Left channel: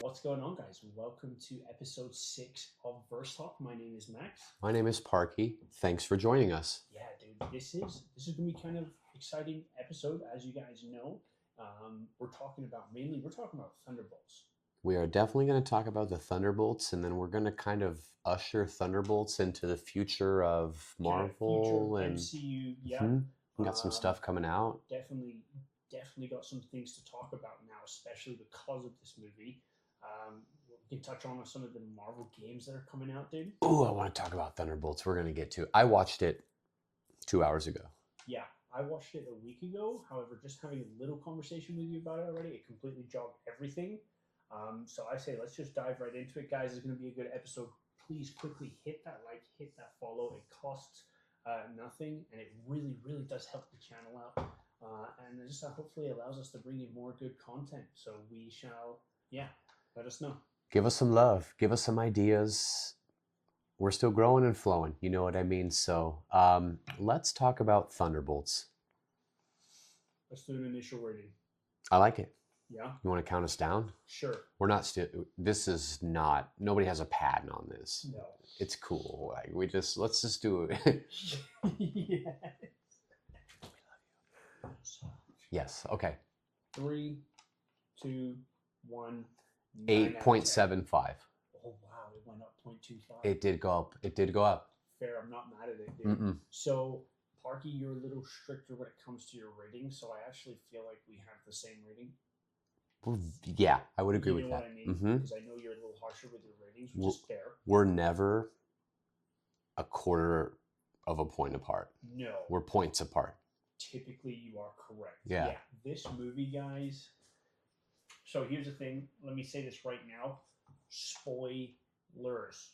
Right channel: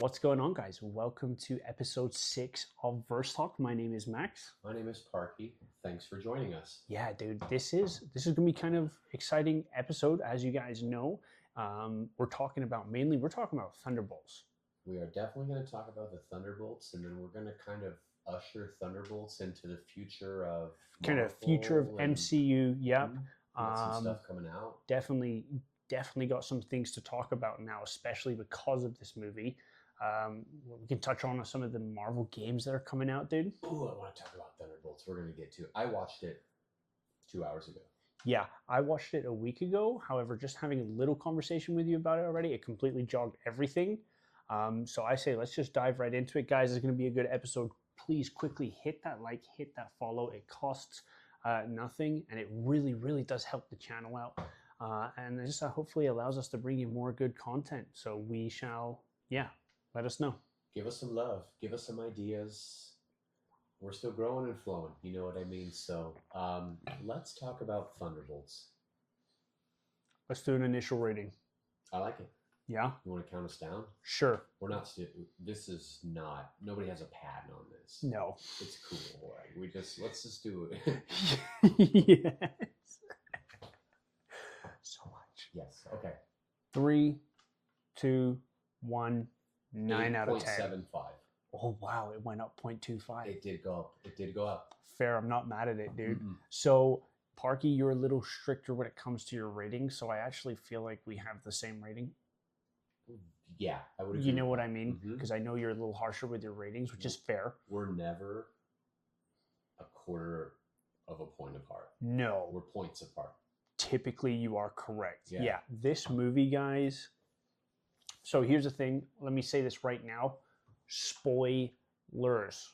What's going on, guys? Welcome to episode 6 of Verse Talk. My name is Max. My name is Parky. Thanks for joining us. Yeah, dude, this is gonna be kind of exciting episode, as you guys know. We're talking about Thunderbolts. We are definitely going to talk about the Thunderbolts, and then we're going to kind of usher Thunderbolts into the future of Marvel. Kind of future of and, MCU. Yep. We got some stuff coming out. Definitely got some things to talk about now, especially because of this movie. We can touch on some of the Marvel games that are coming out, dude. Oh, I want to talk about Thunderbolts. We're going to get to it. I watched it 2 hours ago. Yeah, I watched it a week ago. However, just having a little conversation with you about it already, it completely jogged everything. So I say let's just dive right into it, guys. It's going to be a good episode. Please quickly hit that like, hit that follow. It costs nothing, and it really, really does help the channel out. And it just hopefully allows us to bring you more good content. So we shall, let us know. Give us some love. Give us some ideas. We're still growing and flowing. You know what I mean? So let's talk about Thunderbolts. Let's do an initial rating. I like it. Yeah? You want to count us down? Sure. We're not still. This is not. Nobody has a patent on this. No. It's cool. Like let's just do it. Yes. So much. Yes. Okay. 3, 2, 1. 8.75. Oh wow, it went up 0.25. It did go up. It did go up. Fair. I'm not mad at it, dude. Mm-mm. So Parky, you're a little stricter when it comes to your rating, so I actually feel like we have the same rating. Yeah, I would agree. You know with what that. I mean? Because I know you're a little harsher with your ratings, which is fair. We're never a quarter of a point apart. No. We're points apart. Typically, you are correct. Yeah. This movie, guys. So here's the thing. Let me say this right now. Spoilers.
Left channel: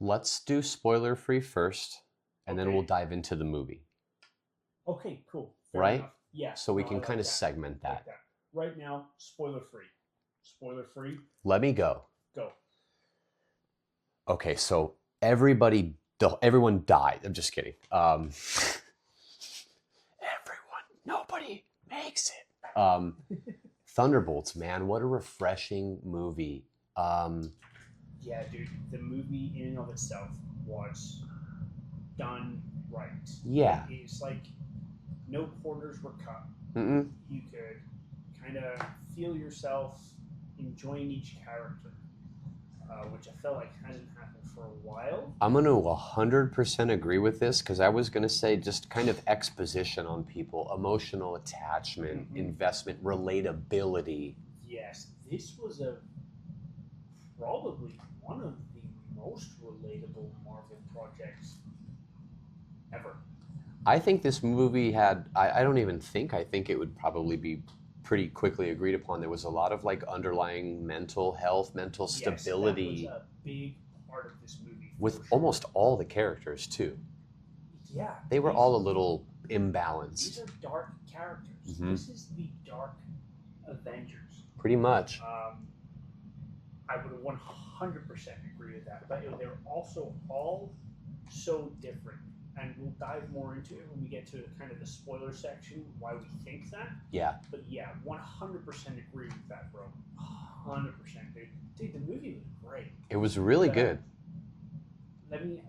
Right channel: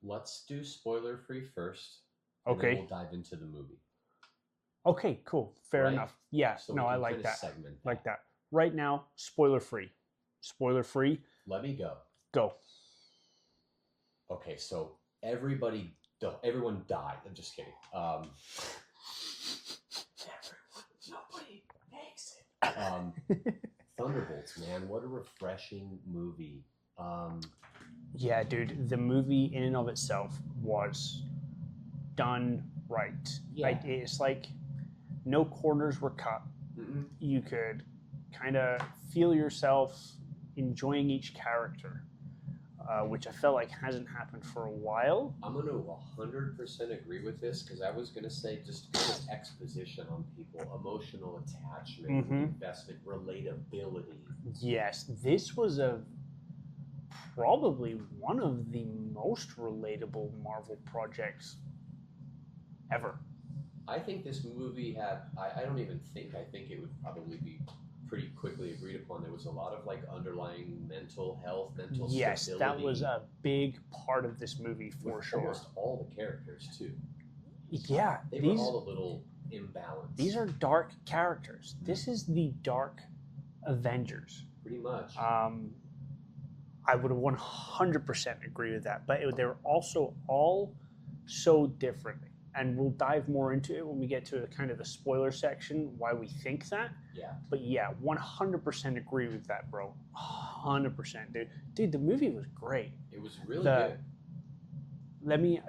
Let's do spoiler-free first, and then we'll dive into the movie. Okay, cool. Fair enough. Yeah. So we can kind of segment that. Like that. Right now, spoiler-free. Spoiler-free. Let me go. Go. Okay, so everyone died. I'm just kidding. Nobody makes it. Thunderbolts, man, what a refreshing movie. Yeah, dude, the movie in and of itself was done right. Yeah. Like, it's like no corners were cut. Mm-mm. You could kind of feel yourself enjoying each character, which I felt like hasn't happened for a while. I'm going to 100% agree with this, because I was going to say just kind of exposition on people, emotional attachment, investment, relatability. Yes, this was probably one of the most relatable Marvel projects ever. I think this movie had, I think it would probably be pretty quickly agreed upon. There was a lot of like underlying mental health, mental stability. That was a big part of this movie for with sure. Almost all the characters too. Yeah. They were all a little imbalanced. These are dark characters. This is the Dark Avengers. Pretty much. I would 100% agree with that. But they were also all so different. And we'll dive more into it when we get to kind of the spoiler section, why we think that. Yeah. But yeah, 100% agree with that, bro. 100%, dude. Dude, the movie was great. It was really good.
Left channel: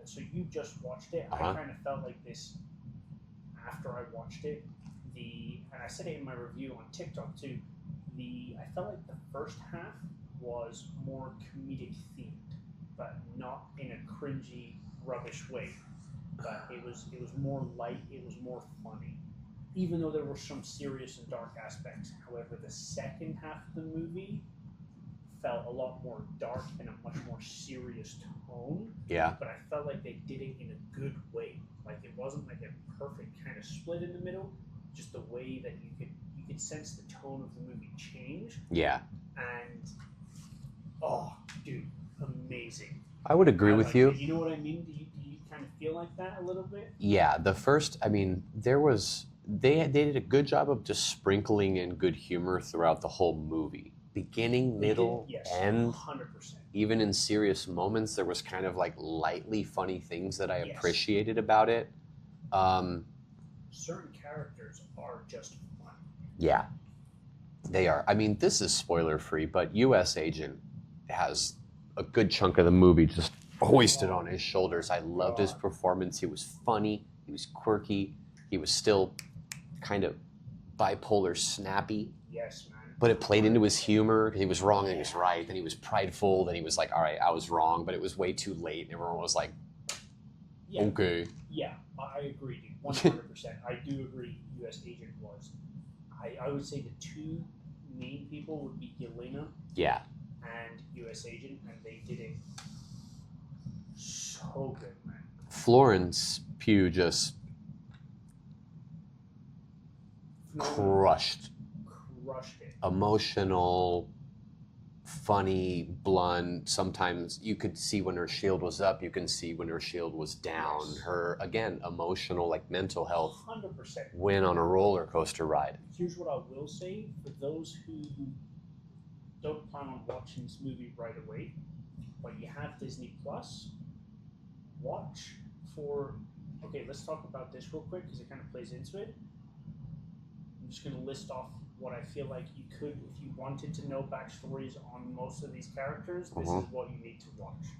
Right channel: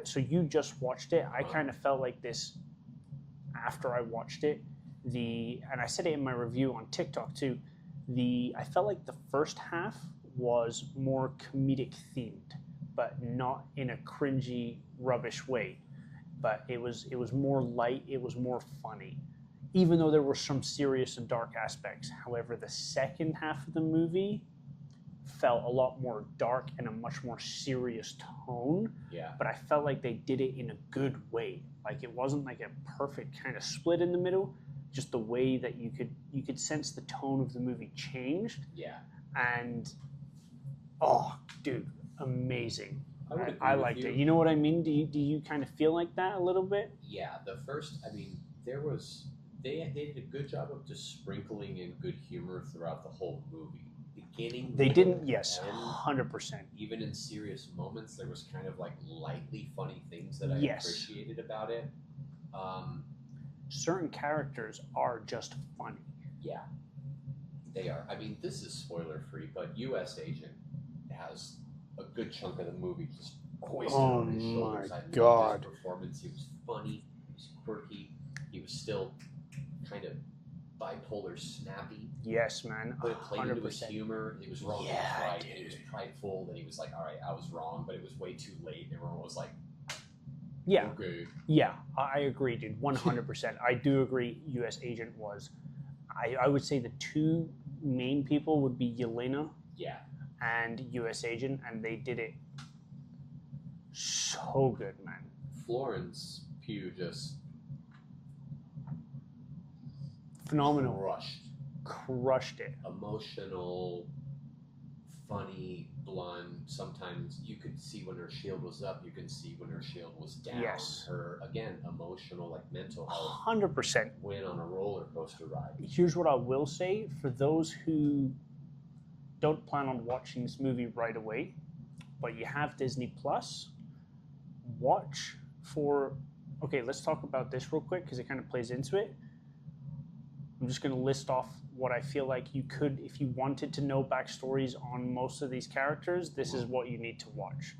So you just watched it. I kind of felt like this after I watched it. And I said it in my review on TikTok too. I felt like the first half was more comedic themed, but not in a cringy, rubbish way. But it was more light, it was more funny, even though there were some serious and dark aspects. However, the second half of the movie felt a lot more dark and a much more serious tone. Yeah. But I felt like they did it in a good way. Like it wasn't like a perfect kind of split in the middle, just the way that you could sense the tone of the movie change. Yeah. And oh, dude, amazing. I would agree with you. You know what I mean? Do you kind of feel like that a little bit? Yeah, the first, I mean, they did a good job of just sprinkling in good humor throughout the whole movie. Beginning, middle, end. 100%. Even in serious moments, there was kind of like lightly funny things that I appreciated about it. Certain characters are just funny. Yeah. They are. I mean, this is spoiler free, but U.S. Agent has a good chunk of the movie just hoisted on his shoulders. I loved his performance. He was funny. He was quirky. He was still kind of bipolar snappy. Yes, man. But it played 100%. Into his humor. He was wrong and he was right. Dude. And he was prideful. Then he was like, all right, I was wrong, but it was way too late. And everyone was like, yeah. Okay. Yeah, I agree, dude. 100%. I do agree U.S. Agent was. I would say the two main people would be Yelena and U.S. Agent, and they did it so good, man. Florence Pugh just phenomenal. Crushed it. Emotional, funny, blunt. Sometimes you could see when her shield was up. You can see when her shield was down. Yes. Her, again, emotional, like mental health. 100%. Win on a roller coaster ride. Here's what I will say. For those who don't plan on watching this movie right away, but you have Disney Plus, watch for... Okay, let's talk about this real quick because it kind of plays into it. I'm just going to list off what I feel like you could, if you wanted to know backstories on most of these characters, this is what you need to watch.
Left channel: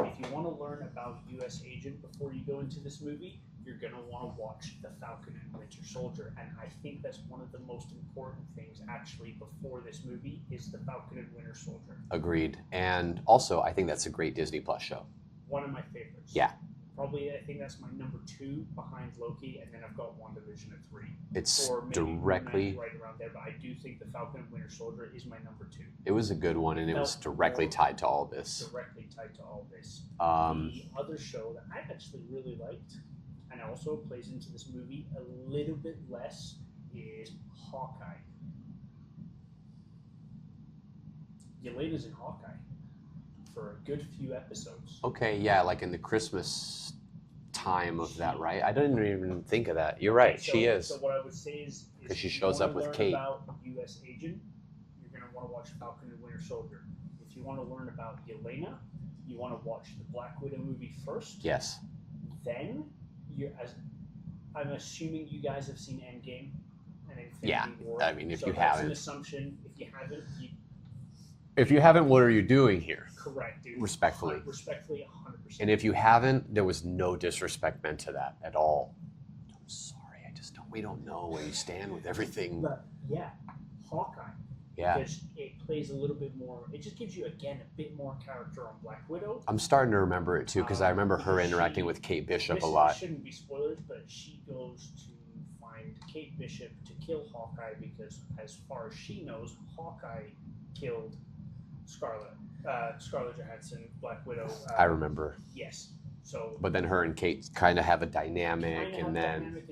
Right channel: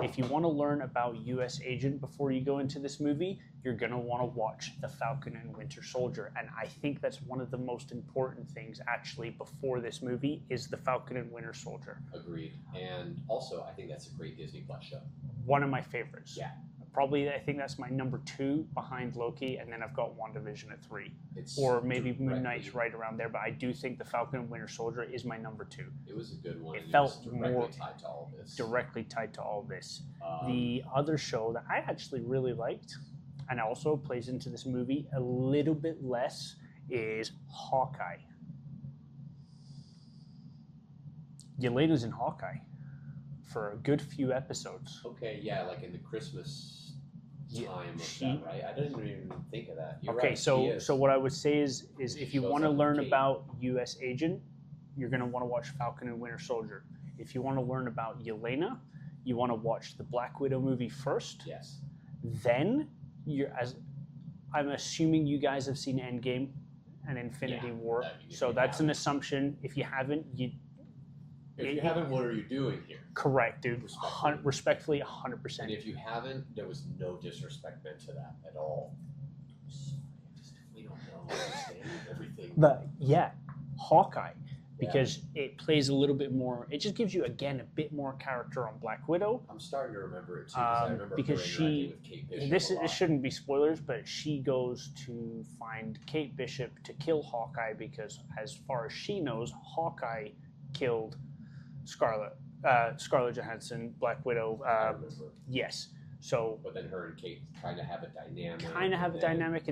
If you want to learn about U.S. Agent before you go into this movie, you're going to want to watch The Falcon and Winter Soldier. And I think that's one of the most important things, actually, before this movie, is The Falcon and Winter Soldier. Agreed. And also, I think that's a great Disney Plus show. One of my favorites. Yeah. Probably, I think that's my number 2 behind Loki, and then I've got WandaVision at 3. It's or maybe Moon Knight's right around there, but I do think The Falcon and Winter Soldier is my number 2. It was a good one, and it was directly tied to all this. Directly tied to all this. The other show that I actually really liked, and also plays into this movie a little bit less, is Hawkeye. Yelena's in Hawkeye for a good few episodes. Okay, yeah, like in the Christmas time of that, right? I didn't even think of that. You're right, she is. So what I would say is if you want to learn about U.S. Agent, you're going to want to watch Falcon and Winter Soldier. If you want to learn about Yelena, you want to watch the Black Widow movie first. Yes. Then, I'm assuming you guys have seen Endgame and Infinity War. I mean, if so you that's haven't. An assumption. If you haven't, If you haven't, what are you doing here? Correct, dude. Respectfully. Respectfully, 100%. And if you haven't, there was no disrespect meant to that at all. I'm sorry, we don't know where you stand with everything. But yeah, Hawkeye. Because it plays a little bit more, it just gives you, again, a bit more character on Black Widow. I'm starting to remember it too, because I remember her interacting with Kate Bishop a lot. This shouldn't be spoilers, but she goes to find Kate Bishop to kill Hawkeye because, as far as she knows, Hawkeye killed Scarlett Johansson, Black Widow. I remember. Yes. So. But then her and Kate kind of have a dynamic. And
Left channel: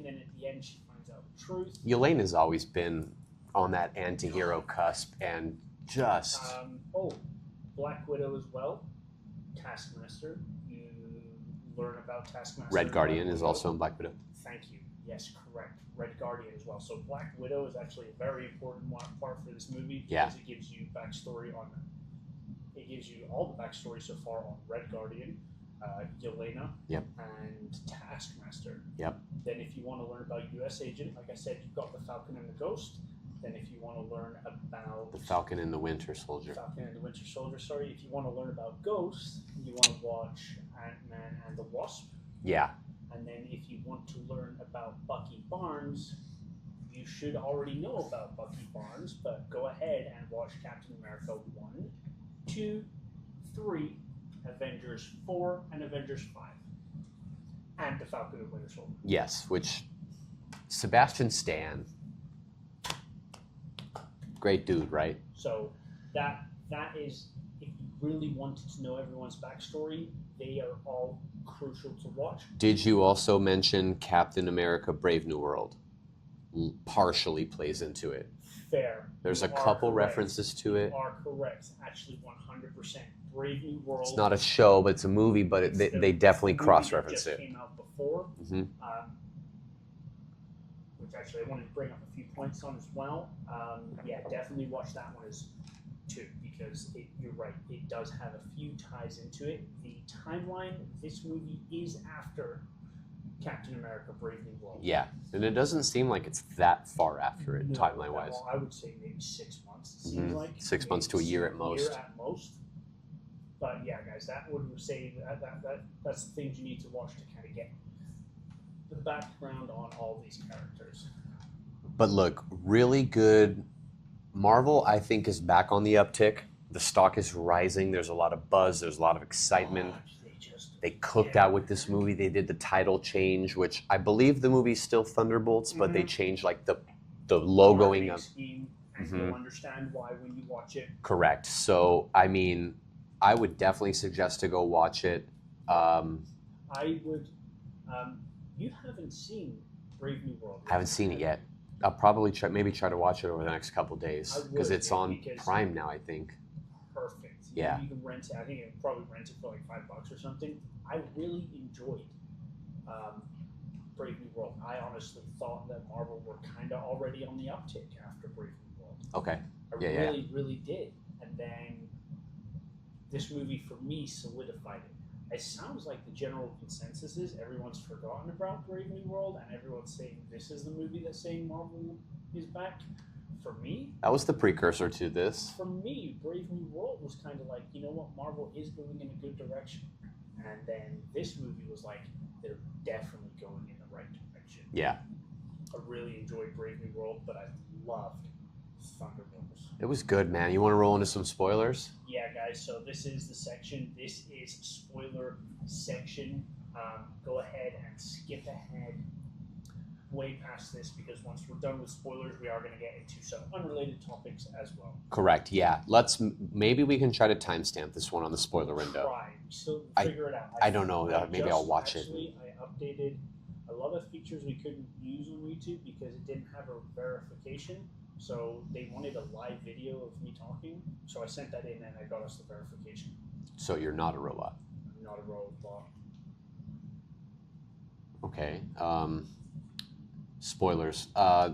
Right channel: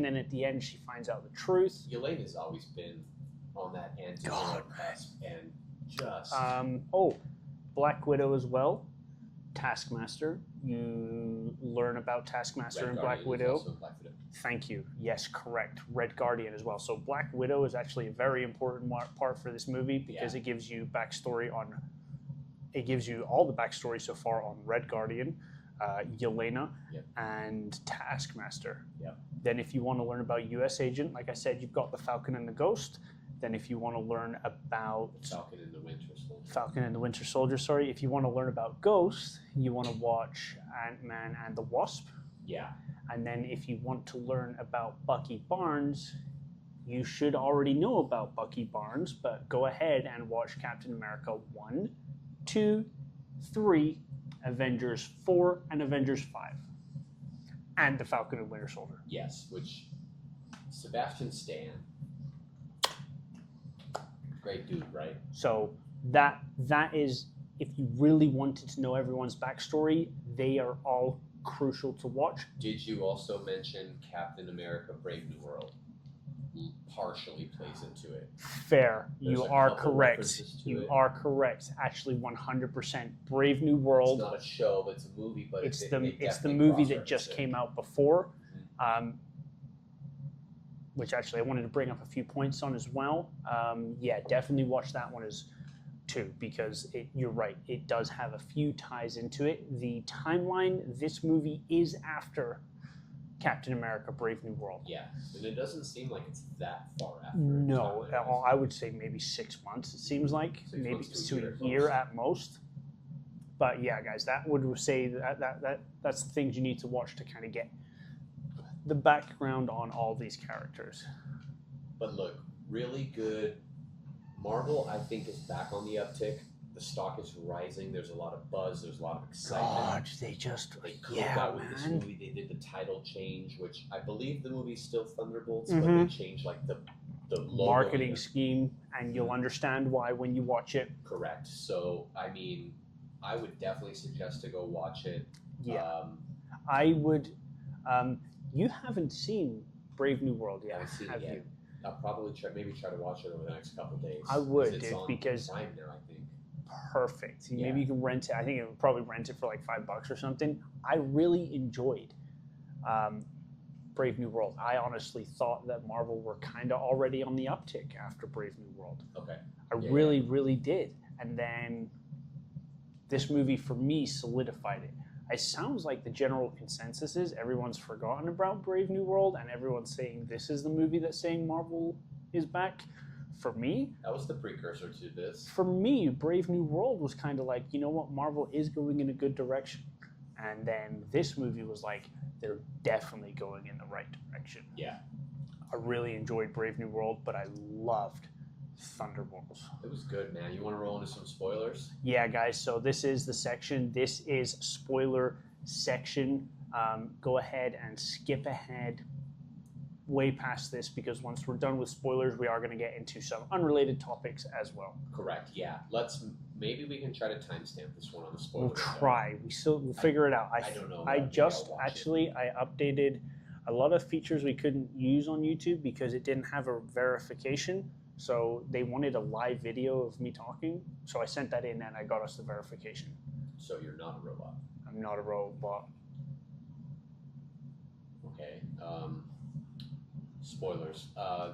then at the end she finds out the truth. Yelena's always been on that anti-hero cusp and just... Black Widow as well. Taskmaster. You learn about Taskmaster. Red Guardian is also in Black Widow. Thank you. Yes, correct. Red Guardian as well. So Black Widow is actually a very important part for this movie because it gives you backstory on... It gives you all the backstory so far on Red Guardian, Yelena, and Taskmaster. Yep. Then if you want to learn about U.S. Agent, like I said, you've got the Falcon and the Ghost. Then if you want to learn about... The Falcon and the Winter Soldier. If you want to learn about Ghost, you want to watch Ant-Man and the Wasp. Yeah. And then if you want to learn about Bucky Barnes, you should already know about Bucky Barnes, but go ahead and watch Captain America 1, 2, 3, Avengers 4, and Avengers 5. And the Falcon and Winter Soldier. Yes, which Sebastian Stan... Great dude, right? So that is, if you really wanted to know everyone's backstory, they are all crucial to watch. Did you also mention Captain America Brave New World? Partially plays into it. Fair. There's a couple references to it. You are correct. Actually, 100%. Brave New World. It's not a show, but it's a movie, but they definitely cross-reference it. That just came out before. Which actually I wanted to bring up a few points on as well. Definitely watch that one too, because you're right, it does have a few ties into it. The timeline, this movie is after Captain America: Brave New World. Yeah, and it doesn't seem like it's that far after it, timeline-wise. I would say maybe 6 months. It seems like 6 months to a year at most. Year at most. But yeah, guys, that would say that's things you need to watch to kind of get the background on all these characters. But look, really good. Marvel, I think, is back on the uptick. The stock is rising. There's a lot of buzz. There's a lot of excitement. God, they cooked out with this movie. They did the title change, which I believe the movie's still Thunderbolts, but they changed like the logoing marketing scheme, and you'll understand why when you watch it. Correct. So I mean, I would definitely suggest to go watch it. Yeah. I would. You haven't seen Brave New World yet. I haven't seen it yet. I'll probably try to watch it over the next couple of days. I would, because it's on Prime now, I think. Perfect. Yeah. Maybe you can rent it. I think it would probably rent it for like $5 or something. I really enjoyed Brave New World. I honestly thought that Marvel were kind of already on the uptick after Brave New World. Okay. I really did. And then this movie for me solidified it. It sounds like the general consensus is everyone's forgotten about Brave New World and everyone's saying this is the movie that's saying Marvel is back. For me, that was the precursor to this. For me, Brave New World was kind of like, you know what, Marvel is going in a good direction. And then this movie was like, they're definitely going in the right direction. Yeah. I really enjoyed Brave New World, but I loved Thunderbolts. It was good, man. You want to roll into some spoilers? Yeah, guys. So this is the section. This is spoiler section. Go ahead and skip ahead way past this because once we're done with spoilers, we are going to get into some unrelated topics as well. Correct. Yeah. Maybe we can try to timestamp this one on the spoiler window. We'll figure it out. I don't know. Maybe I'll watch it. Actually, I updated a lot of features we couldn't use on YouTube because it didn't have a verification. So they wanted a live video of me talking. So I sent that in and I got us the verification. So you're not a robot? I'm not a robot. Okay. Spoilers.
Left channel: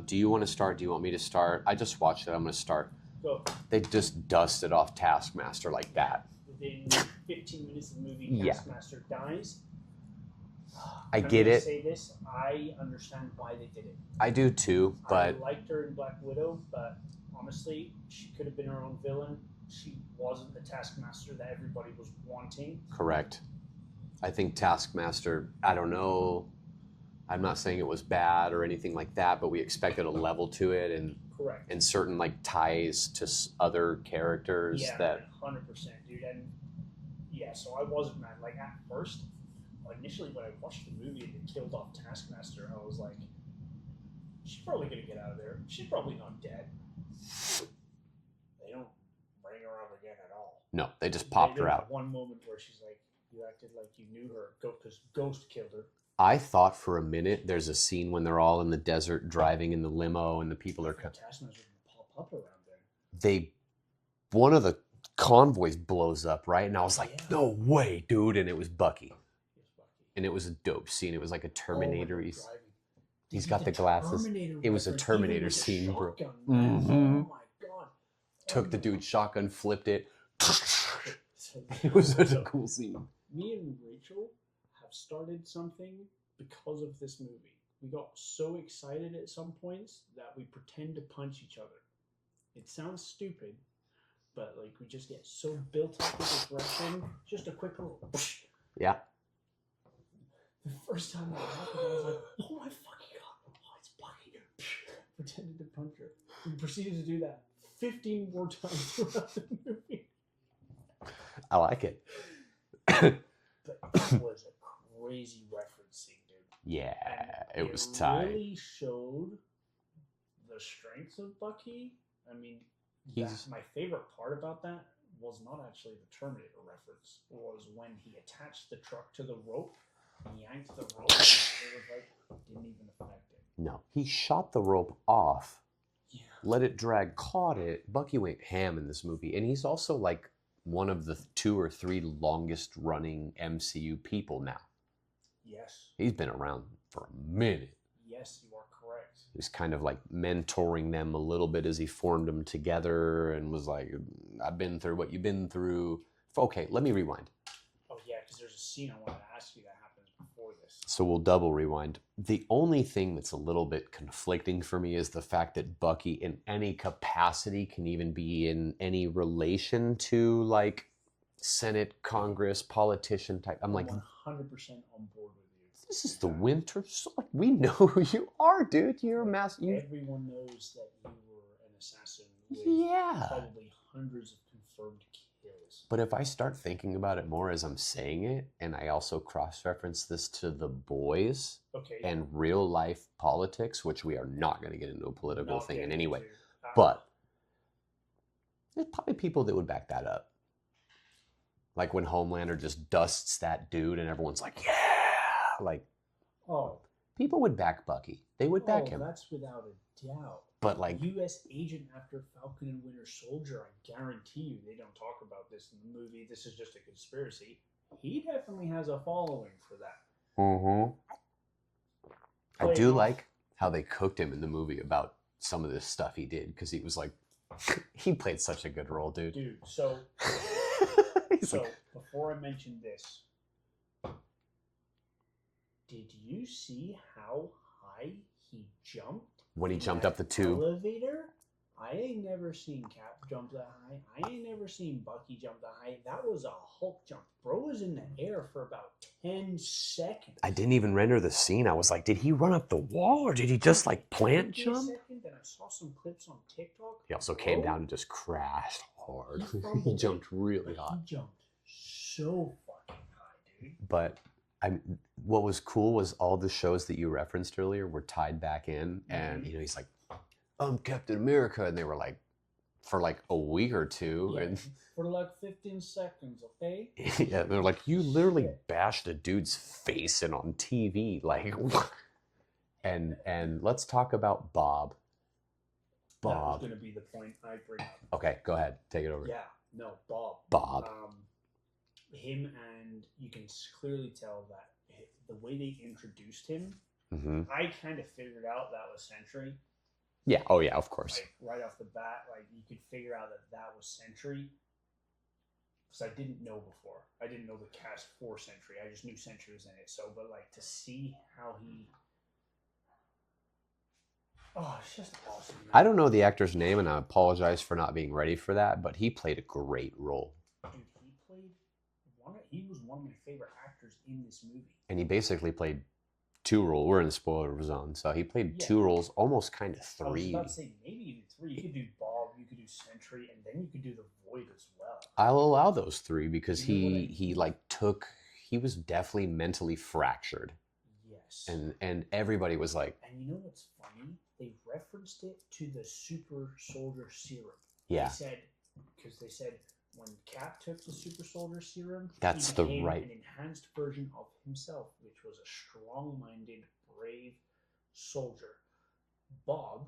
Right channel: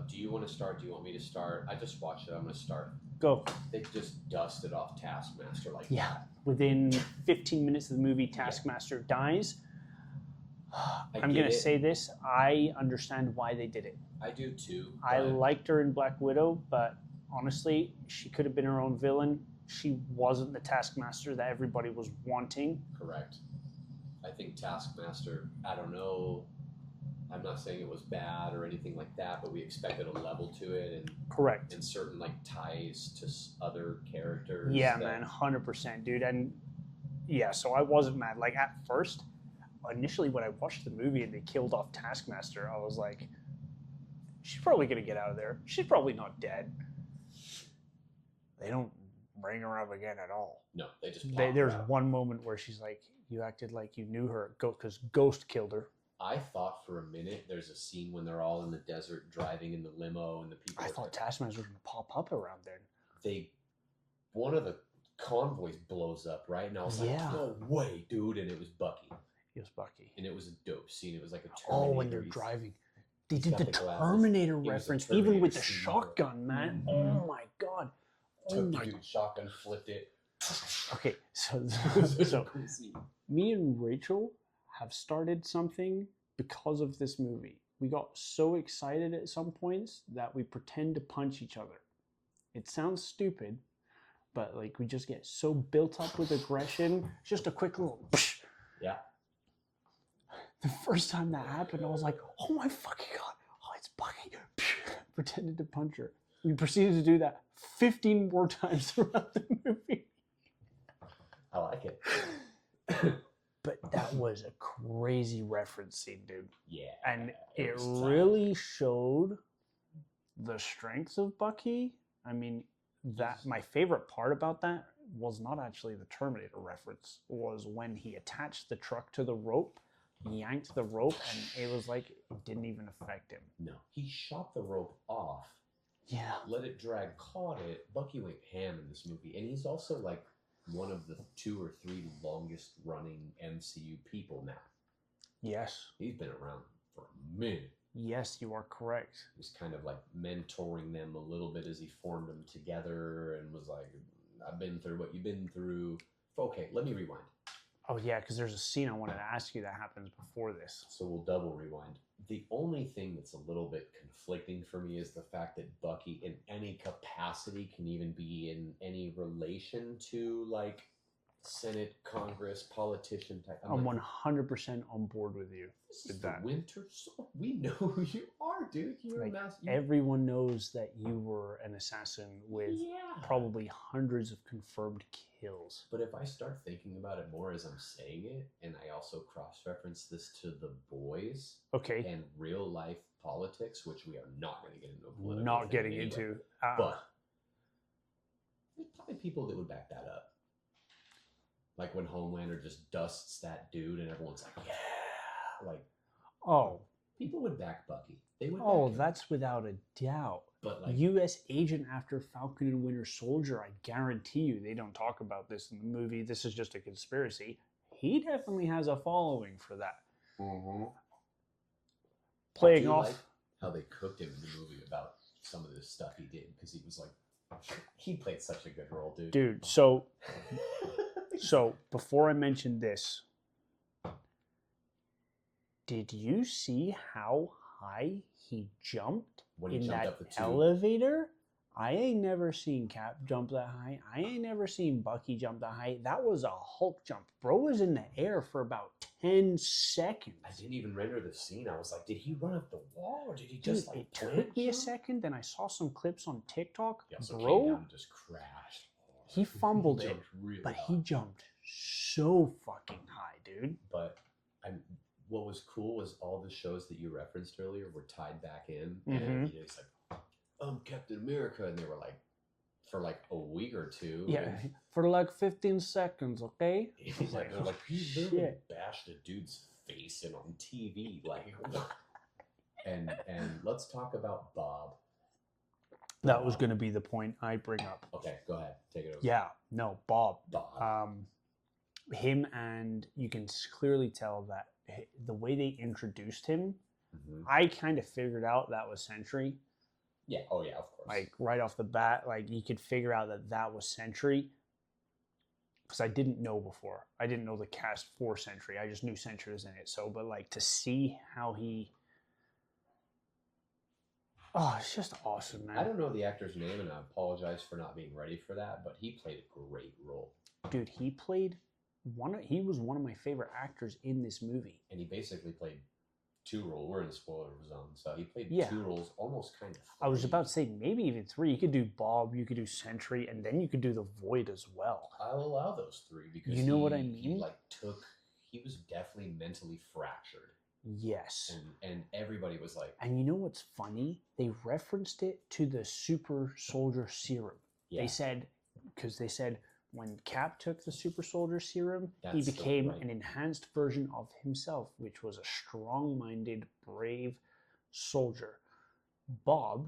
Do you want to start? Do you want me to start? I just watched it. I'm going to start. Go. They just dusted off Taskmaster like that. Within 15 minutes of the movie, Taskmaster dies. I'm going to say this. I understand why they did it. I do too. But I liked her in Black Widow, but honestly, she could have been her own villain. She wasn't the Taskmaster that everybody was wanting. Correct. I think Taskmaster, I don't know. I'm not saying it was bad or anything like that, but we expected a level to it and correct and certain like ties to other characters. Yeah, man, 100%, dude. And yeah, so I wasn't mad. Like at first, initially when I watched the movie and they killed off Taskmaster, I was like, she's probably gonna get out of there. She's probably not dead. They don't bring her up again at all. No, they just popped her out. There's one moment where she's like, you acted like you knew her because Ghost killed her. I thought for a minute there's a scene when they're all in the desert driving in the limo and the people I thought Taskmaster was going to pop up around there. One of the convoys blows up, right? And I was like, no way, dude. And it was Bucky. It was Bucky. And it was a dope scene. It was like a Terminator. Oh, when they're driving. He's got the glasses. Terminator it was a reference, Terminator even with scene. The shotgun, man. Mm-hmm. Oh my God. Took the dude's shotgun, flipped it. Okay, so it was such a cool scene. Me and Rachel have started something because of this movie. We got so excited at some points that we pretend to punch each other. It sounds stupid, but like we just get so built up with aggression. Just a quick little yeah. The first time that happened, I was like, oh my fucking God. Oh, it's Bucky. Pretended to punch her. We proceeded to do that 15 more times throughout the movie. I like it. But that was a crazy reference scene, dude. Yeah. And it was really showed the strengths of Bucky. I mean, my favorite part about that was not actually the Terminator reference, was when he attached the truck to the rope, yanked the rope, and it was like it didn't even affect him. No. He shot the rope off. Yeah. Let it drag, caught it. Bucky went ham in this movie. And he's also like one of the 2 or 3 longest running MCU people now. Yes. He's been around for a minute. Yes, you are correct. He's kind of like mentoring them a little bit as he formed them together and was like, I've been through what you've been through. Okay, let me rewind. Oh yeah, because there's a scene I wanted to ask you that happens before this. So we'll double rewind. The only thing that's a little bit conflicting for me is the fact that Bucky in any capacity can even be in any relation to like Senate, Congress, politician type. I'm like 100% on board with you. This is the Winter Soldier. We know who you are, dude. You're a master. Everyone knows that you were an assassin with probably hundreds of confirmed kills. But if I start thinking about it more as I'm saying it, and I also cross-reference this to The Boys and real life politics, which we are not going to get into a political thing in any way, but there's probably people that would back that up. Like when Homelander just dusts that dude and everyone's like, yeah! Like, people would back Bucky. They would back him. Oh, that's without a doubt. But like U.S. agent after Falcon and Winter Soldier, I guarantee you they don't talk about this in the movie. This is just a conspiracy. He definitely has a following for that. I do like how they cooked him in the movie about some of this stuff he did, because he was like, he played such a good role, dude. Dude, so before I mention this, did you see how high he jumped when he jumped up the tube? Elevator? I ain't never seen Cap jump that high. I ain't never seen Bucky jump that high. That was a Hulk jump. Bro was in the air for about 10 seconds. I didn't even render the scene. I was like, did he run up the wall or did he just like plant jump? A second, then I saw some clips on TikTok. He also came down and just crashed hard. He fumbled he jumped really high. But he jumped so fucking high, dude. But what was cool was all the shows that you referenced earlier were tied back in. And he's like, I'm Captain America. And they were like, for like a week or two. Yeah, and for like 15 seconds, okay? Yeah, they're like, you literally bashed a dude's face in on TV. Like, and let's talk about Bob. That was going to be the point I bring up. Okay, go ahead. Take it over. Yeah, no, Bob. Bob. Him, and you can clearly tell that the way they introduced him, I kind of figured out that was Sentry. Yeah. Oh, yeah. Of course. Like right off the bat, like you could figure out that was Sentry, because I didn't know before. I didn't know the cast for Sentry. I just knew Sentry was in it. So, but like to see how he, it's just awesome, man. I don't know the actor's name, and I apologize for not being ready for that. But he played a great role. Dude, he was one of my favorite actors in this movie. And he basically played two roles. We're in the spoiler zone, so he played two roles, almost kind of three. I was about to say maybe even three. You could do Bob, you could do Sentry, and then you could do the Void as well. I'll allow those three because he was definitely mentally fractured. Yes. And everybody was like... And you know what's funny? They referenced it to the super soldier serum. Yeah. They said when Cap took the super soldier serum, he became an enhanced version of himself, which was a strong-minded, brave soldier. Bob,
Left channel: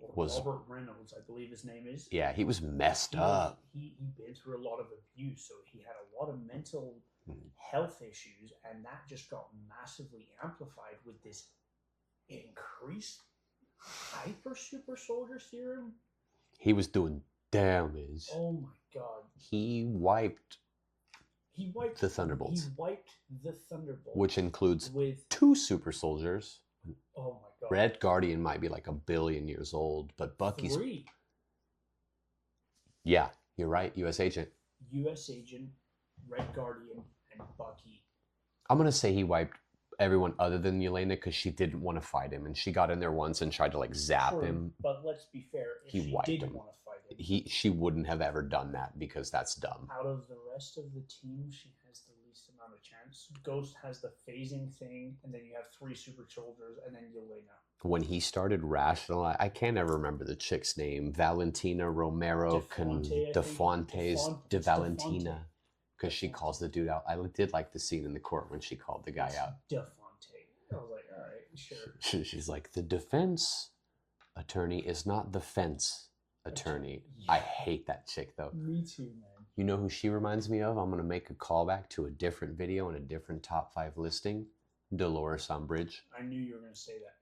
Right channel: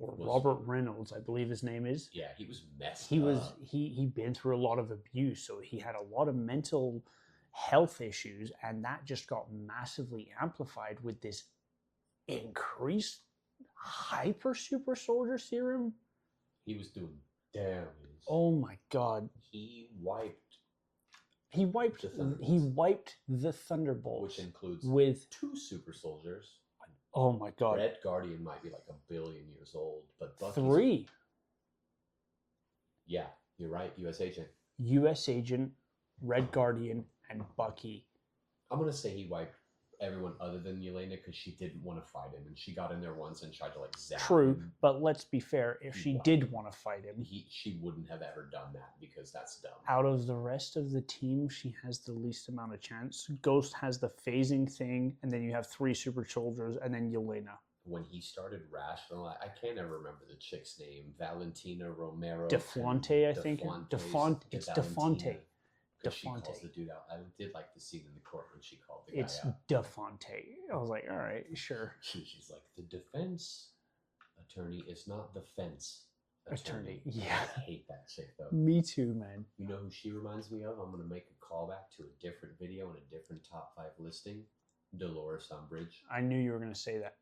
or Robert Reynolds, I believe his name is. Yeah, he was messed up. He'd been through a lot of abuse, so he had a lot of mental health issues, and that just got massively amplified with this increased hyper super soldier serum. He was doing damage. Oh my god. He wiped the Thunderbolts. He wiped the Thunderbolts. Which includes with 2 super soldiers. Oh my god. Red Guardian might be like 1 billion years old, but Bucky's 3. Yeah, you're right. US Agent. US Agent, Red Guardian, and Bucky. I'm going to say he wiped everyone other than Yelena because she didn't want to fight him, and she got in there once and tried to like zap him. But let's be fair, if she did want to fight him, she wouldn't have ever done that because that's dumb. Out of the rest of the team, she has the least amount of chance. Ghost has the phasing thing, and then you have 3 super soldiers, and then Yelena. When he started rationalizing, I can't ever remember the chick's name. Valentina Romero. DeFonte, I think. De Valentina. Because she calls the dude out. I did like the scene in the court when she called the guy out. DeFonte. I was like, all right, sure. She's like, the defense attorney is not the fence attorney. Yeah. I hate that chick, though. Me too, man. You know who she reminds me of? I'm going to make a callback to a different video and a different top 5 listing. Dolores Umbridge. I knew you were going to say that.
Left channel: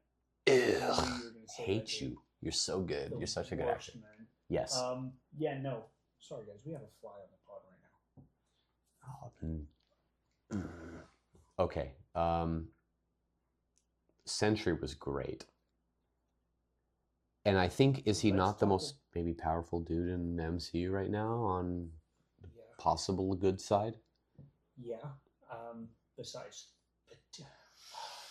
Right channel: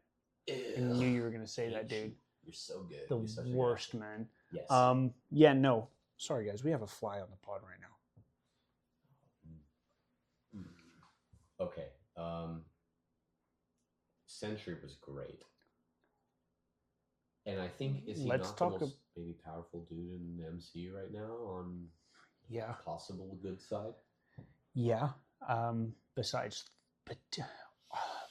Ew. I knew you were going to say that, dude. You're so good. You're such a good worst, actor. Man. Yes. Yeah, no. Sorry, guys. We have a fly on the pod right now. Okay. Sentry was great. And I think, is he not the most maybe powerful dude in the MCU right now on the possible good side? Yeah. Besides, but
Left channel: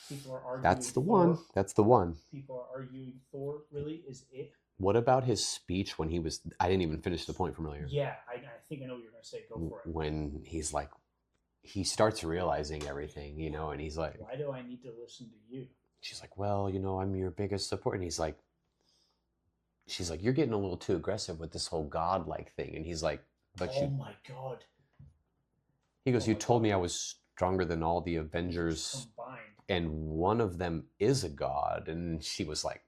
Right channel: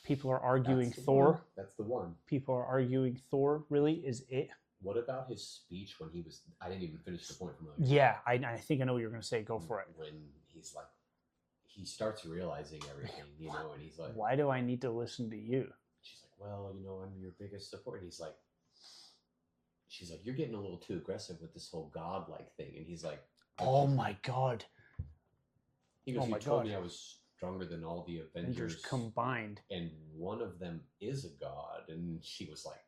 people are arguing That's the Thor. one. That's the one. People are arguing Thor really is it. What about his speech when he was... I didn't even finish the point from earlier. Yeah, I think I know what you're going to say. Go for it. When he's like, he starts realizing everything, you know, and he's like... Why do I need to listen to you? She's like, well, you know, I'm your biggest support. And he's like... She's like, you're getting a little too aggressive with this whole godlike thing. And he's like... Oh my God. He goes, you told me I was stronger than all the Avengers combined. And one of them is a god. And she was like...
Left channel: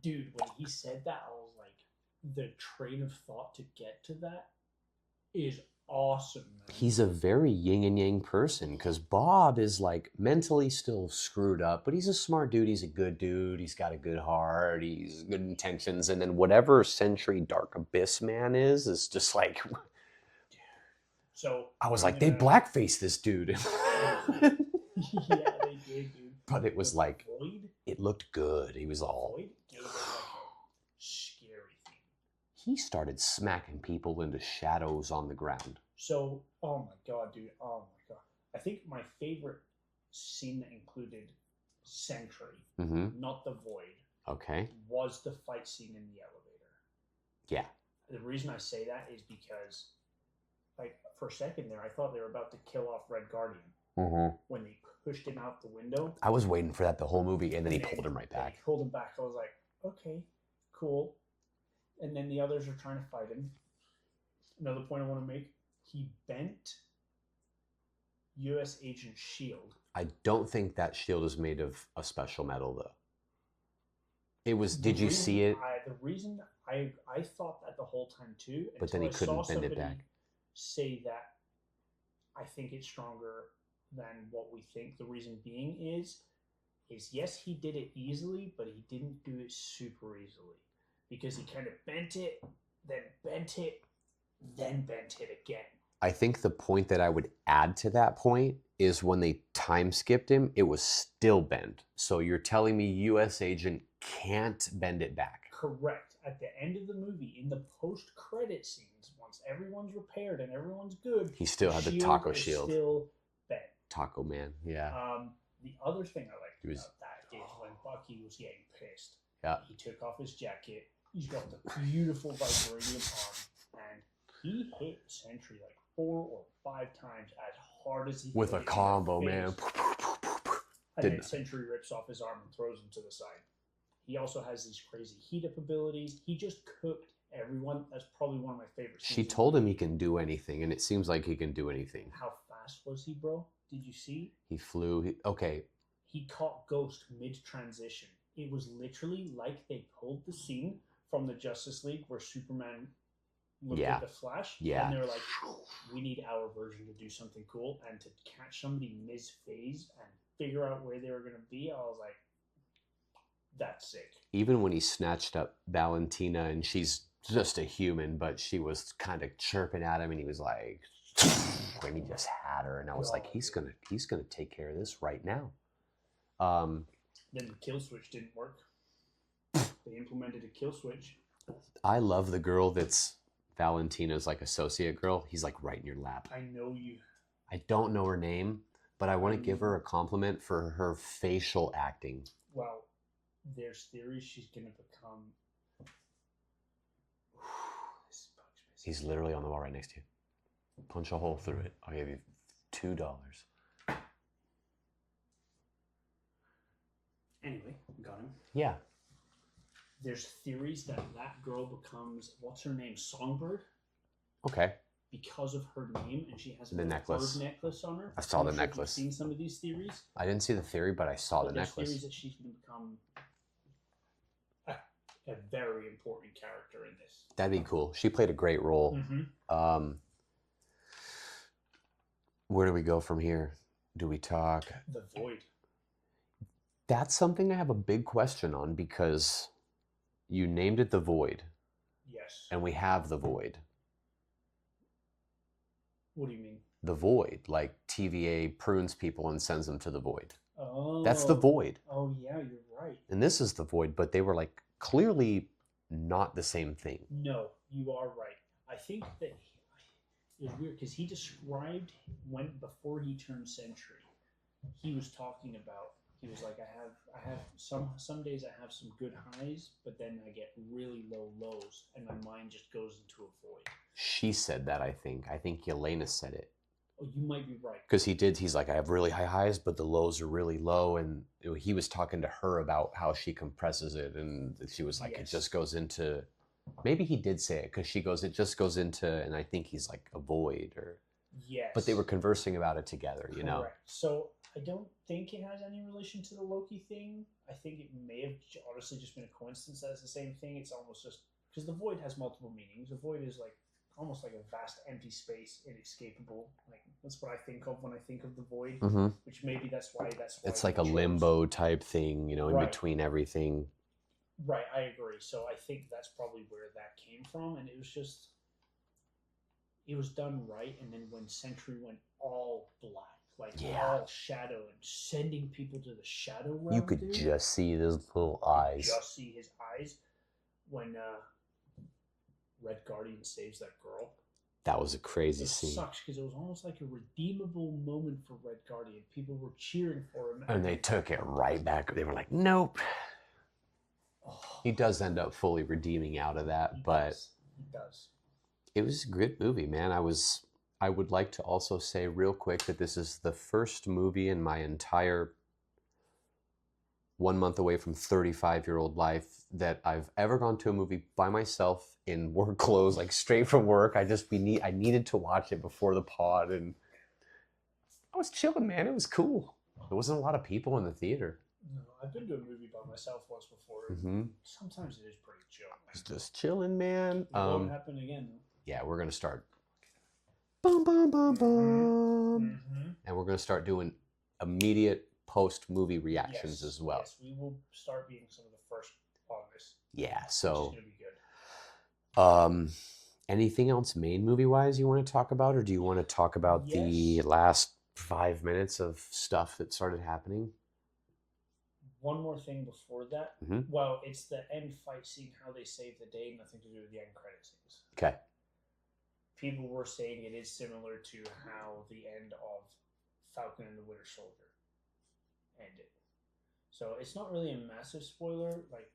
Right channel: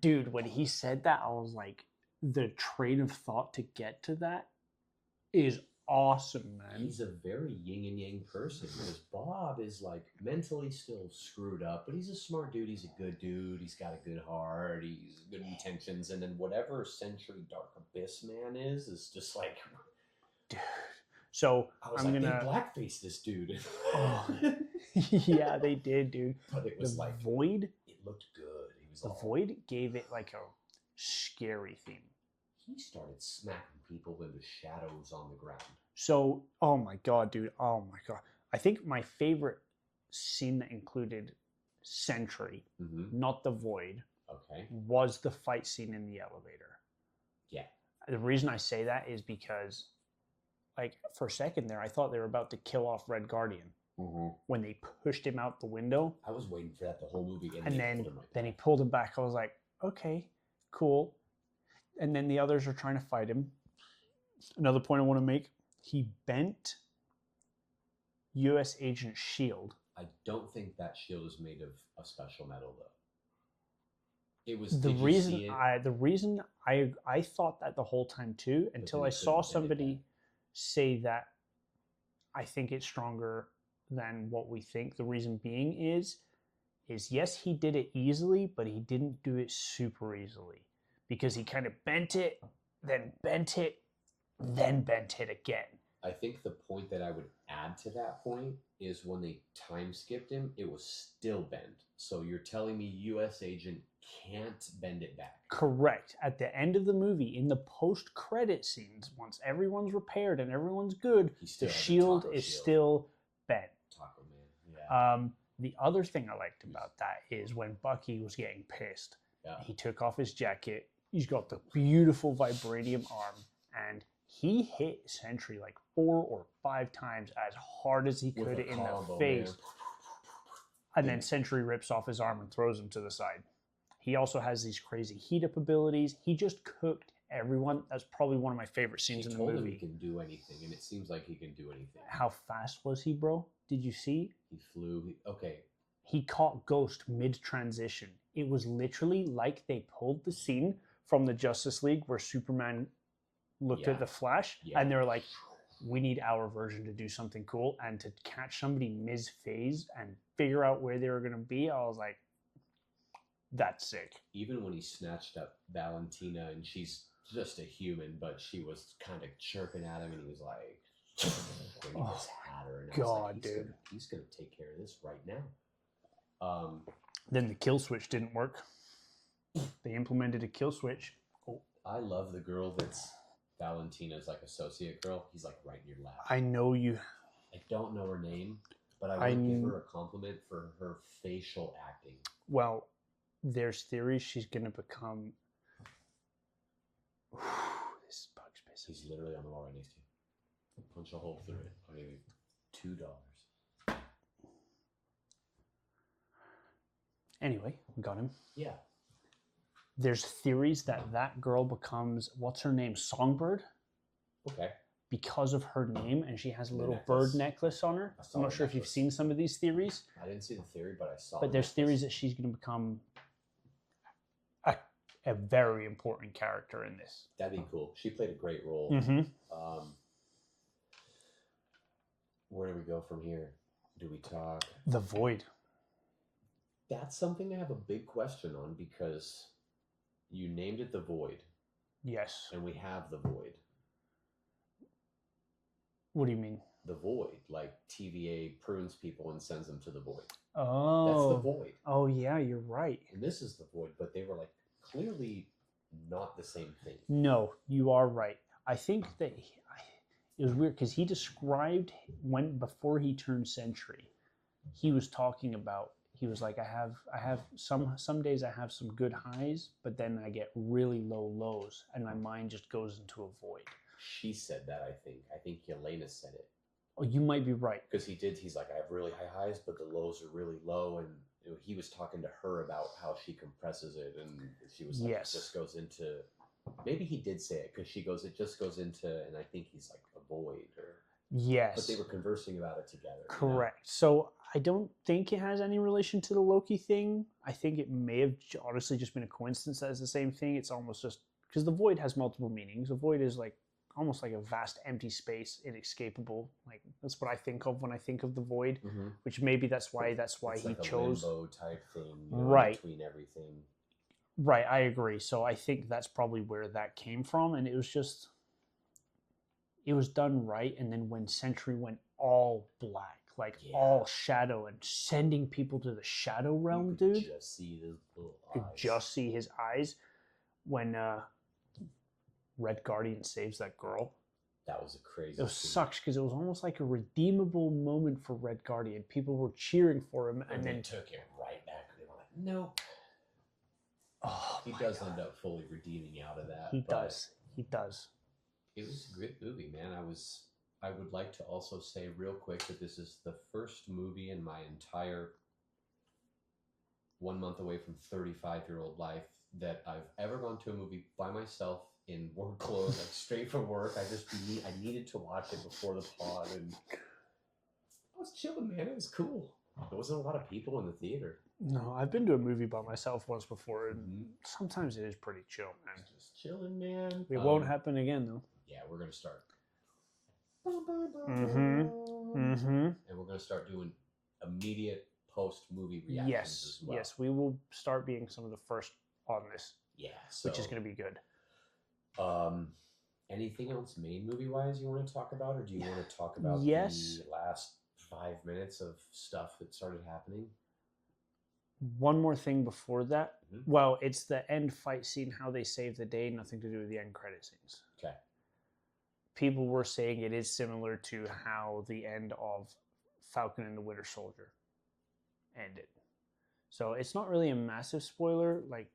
Dude, when he said that, I was like, the train of thought to get to that is awesome, man. He's a very yin and yang person, because Bob is like mentally still screwed up, but he's a smart dude. He's a good dude. He's got a good heart. He's good intentions. And then whatever Sentry Dark Abyss man is just like... Dude. So I was like, they blackface this dude. Yeah, they did, dude. But it was like... Void? It looked good. He was all... Void gave it like a scary theme. He started smacking people into shadows on the ground. So, oh my God, dude. Oh my God. I think my favorite scene that included Sentry, not the Void, was the fight scene in the elevator. Yeah. The reason I say that is because, like, for a second there, I thought they were about to kill off Red Guardian. When they pushed him out the window. I was waiting for that the whole movie, and then he pulled him right back. Then he pulled him back. I was like, okay, cool. And then the others are trying to fight him. Another point I want to make, he bent U.S. Agent's shield. I don't think that shield is made of a special metal, though. It was, did you see it? The reason I thought that the whole time, too, until I saw somebody say that I think it's stronger than what we think. The reason being is yes, he did it easily, but he didn't do it super easily, because he kind of bent it, then bent it, then bent it again. I think the point that I would add to that point is when they time skipped him, it was still bent. So you're telling me U.S. Agent can't bend it back? Correct. At the end of the movie, in the post-credit scenes, once everyone's repaired and everyone's good, he still had the taco shield. Still bent. Taco Man, yeah. The other thing I liked about that is when Bucky was getting pissed. Yeah. He took off his jacket. He's got the beautiful vibranium arm, and he hit Sentry like 4 or 5 times as hard as he could. With a combo, man. And then Sentry rips off his arm and throws him to the side. He also has these crazy heat up abilities. He just cooked everyone. That's probably one of my favorite scenes. She told him he can do anything, and it seems like he can do anything. How fast was he, bro? Did you see? He flew. Okay. He caught Ghost mid-transition. It was literally like they pulled the scene from the Justice League where Superman looked at the Flash, and they're like, we need our version to do something cool. And to catch somebody mid-phase and figure out where they were going to be, I was like, that's sick. Even when he snatched up Valentina, and she's just a human, but she was kind of chirping at him, and he was like, when he just had her, and I was like, he's gonna take care of this right now. Then the kill switch didn't work. They implemented a kill switch. I love the girl that's Valentina's like associate girl. He's like right in your lap. I know you. I don't know her name, but I want to give her a compliment for her facial acting. Well, there's theories she's gonna become. This is Bugs business. He's literally on the wall right next to you. Punch a hole through it. I'll give you $2. Anyway, we got him. Yeah. There's theories that that girl becomes, what's her name, Songbird? Okay. Because of her name, and she has a little bird necklace on her. I saw the necklace. If you've seen some of these theories. I didn't see the theory, but I saw the necklace. But there's theories that she's going to become a very important character in this. That'd be cool. She played a great role. Where do we go from here? Do we talk? The Void. That's something I have a big question on, because you named it the Void. Yes. And we have the Void. What do you mean? the void, like TVA prunes people and sends them to the void. Oh. That's the void. Oh, yeah, you're right. And this is the void, but they were like clearly not the same thing. No, you are right. I think that it was weird because he described before he turned Sentry, he was talking about, he was like, I have some days I have some good highs, but then I get really low lows and my mind just goes into a void. She said that, I think. I think Yelena said it. Oh, you might be right. Because he's like, I have really high highs, but the lows are really low. And he was talking to her about how she compresses it. And she was like, Yes. It just goes into, maybe he did say it because she goes, it just goes into, and I think he's like a void or. Yes. But they were conversing about it together. Correct. You know? So I don't think it has any relation to the Loki thing. I think it may have honestly just been a coincidence that it's the same thing. It's almost just, because the void has multiple meanings. The void is like, almost like a vast empty space, inescapable. Like that's what I think of when I think of the void. Mm-hmm. Which maybe that's why it's like a limbo type thing, you know, right. in between everything. Right, I agree. So I think that's probably where that came from, and it was done right. And then when Sentry went all black, like all shadow, and sending people to the shadow realm, you could just see his little eyes. You could just see his eyes when. Red Guardian saves that girl. That was a crazy scene. It sucks because it was almost like a redeemable moment for Red Guardian. People were cheering for him. And they took it right back. They were like, nope. Oh, he does end up fully redeeming out of that. He does. It was a good movie, man. I would like to also say real quick that this is the first movie in my entire 1 month away from 35-year-old life that I've ever gone to a movie by myself in work clothes, like straight from work. I needed to watch it before the pod, and I was chilling, man. It was cool. There wasn't a lot of people in the theater. No, I've been to a movie by myself once before. And sometimes it is pretty chill, man. It's just chilling, man. It won't happen again, though. Yeah, we're gonna start. Boom, boom, boom, boom. And we're gonna start doing immediate post-movie reactions as well. Yes, we will start being some of the first on this. Yeah, so which is gonna be good. Anything else main movie wise you want to talk about, or do you want to talk about the last 5 minutes of stuff that started happening? One more thing before that. Well, it's the end fight scene, how they save the day, nothing to do with the end credit scenes. Okay. People were saying it is similar to how the end of Falcon and the Winter Soldier ended. So it's not really a massive spoiler. Like,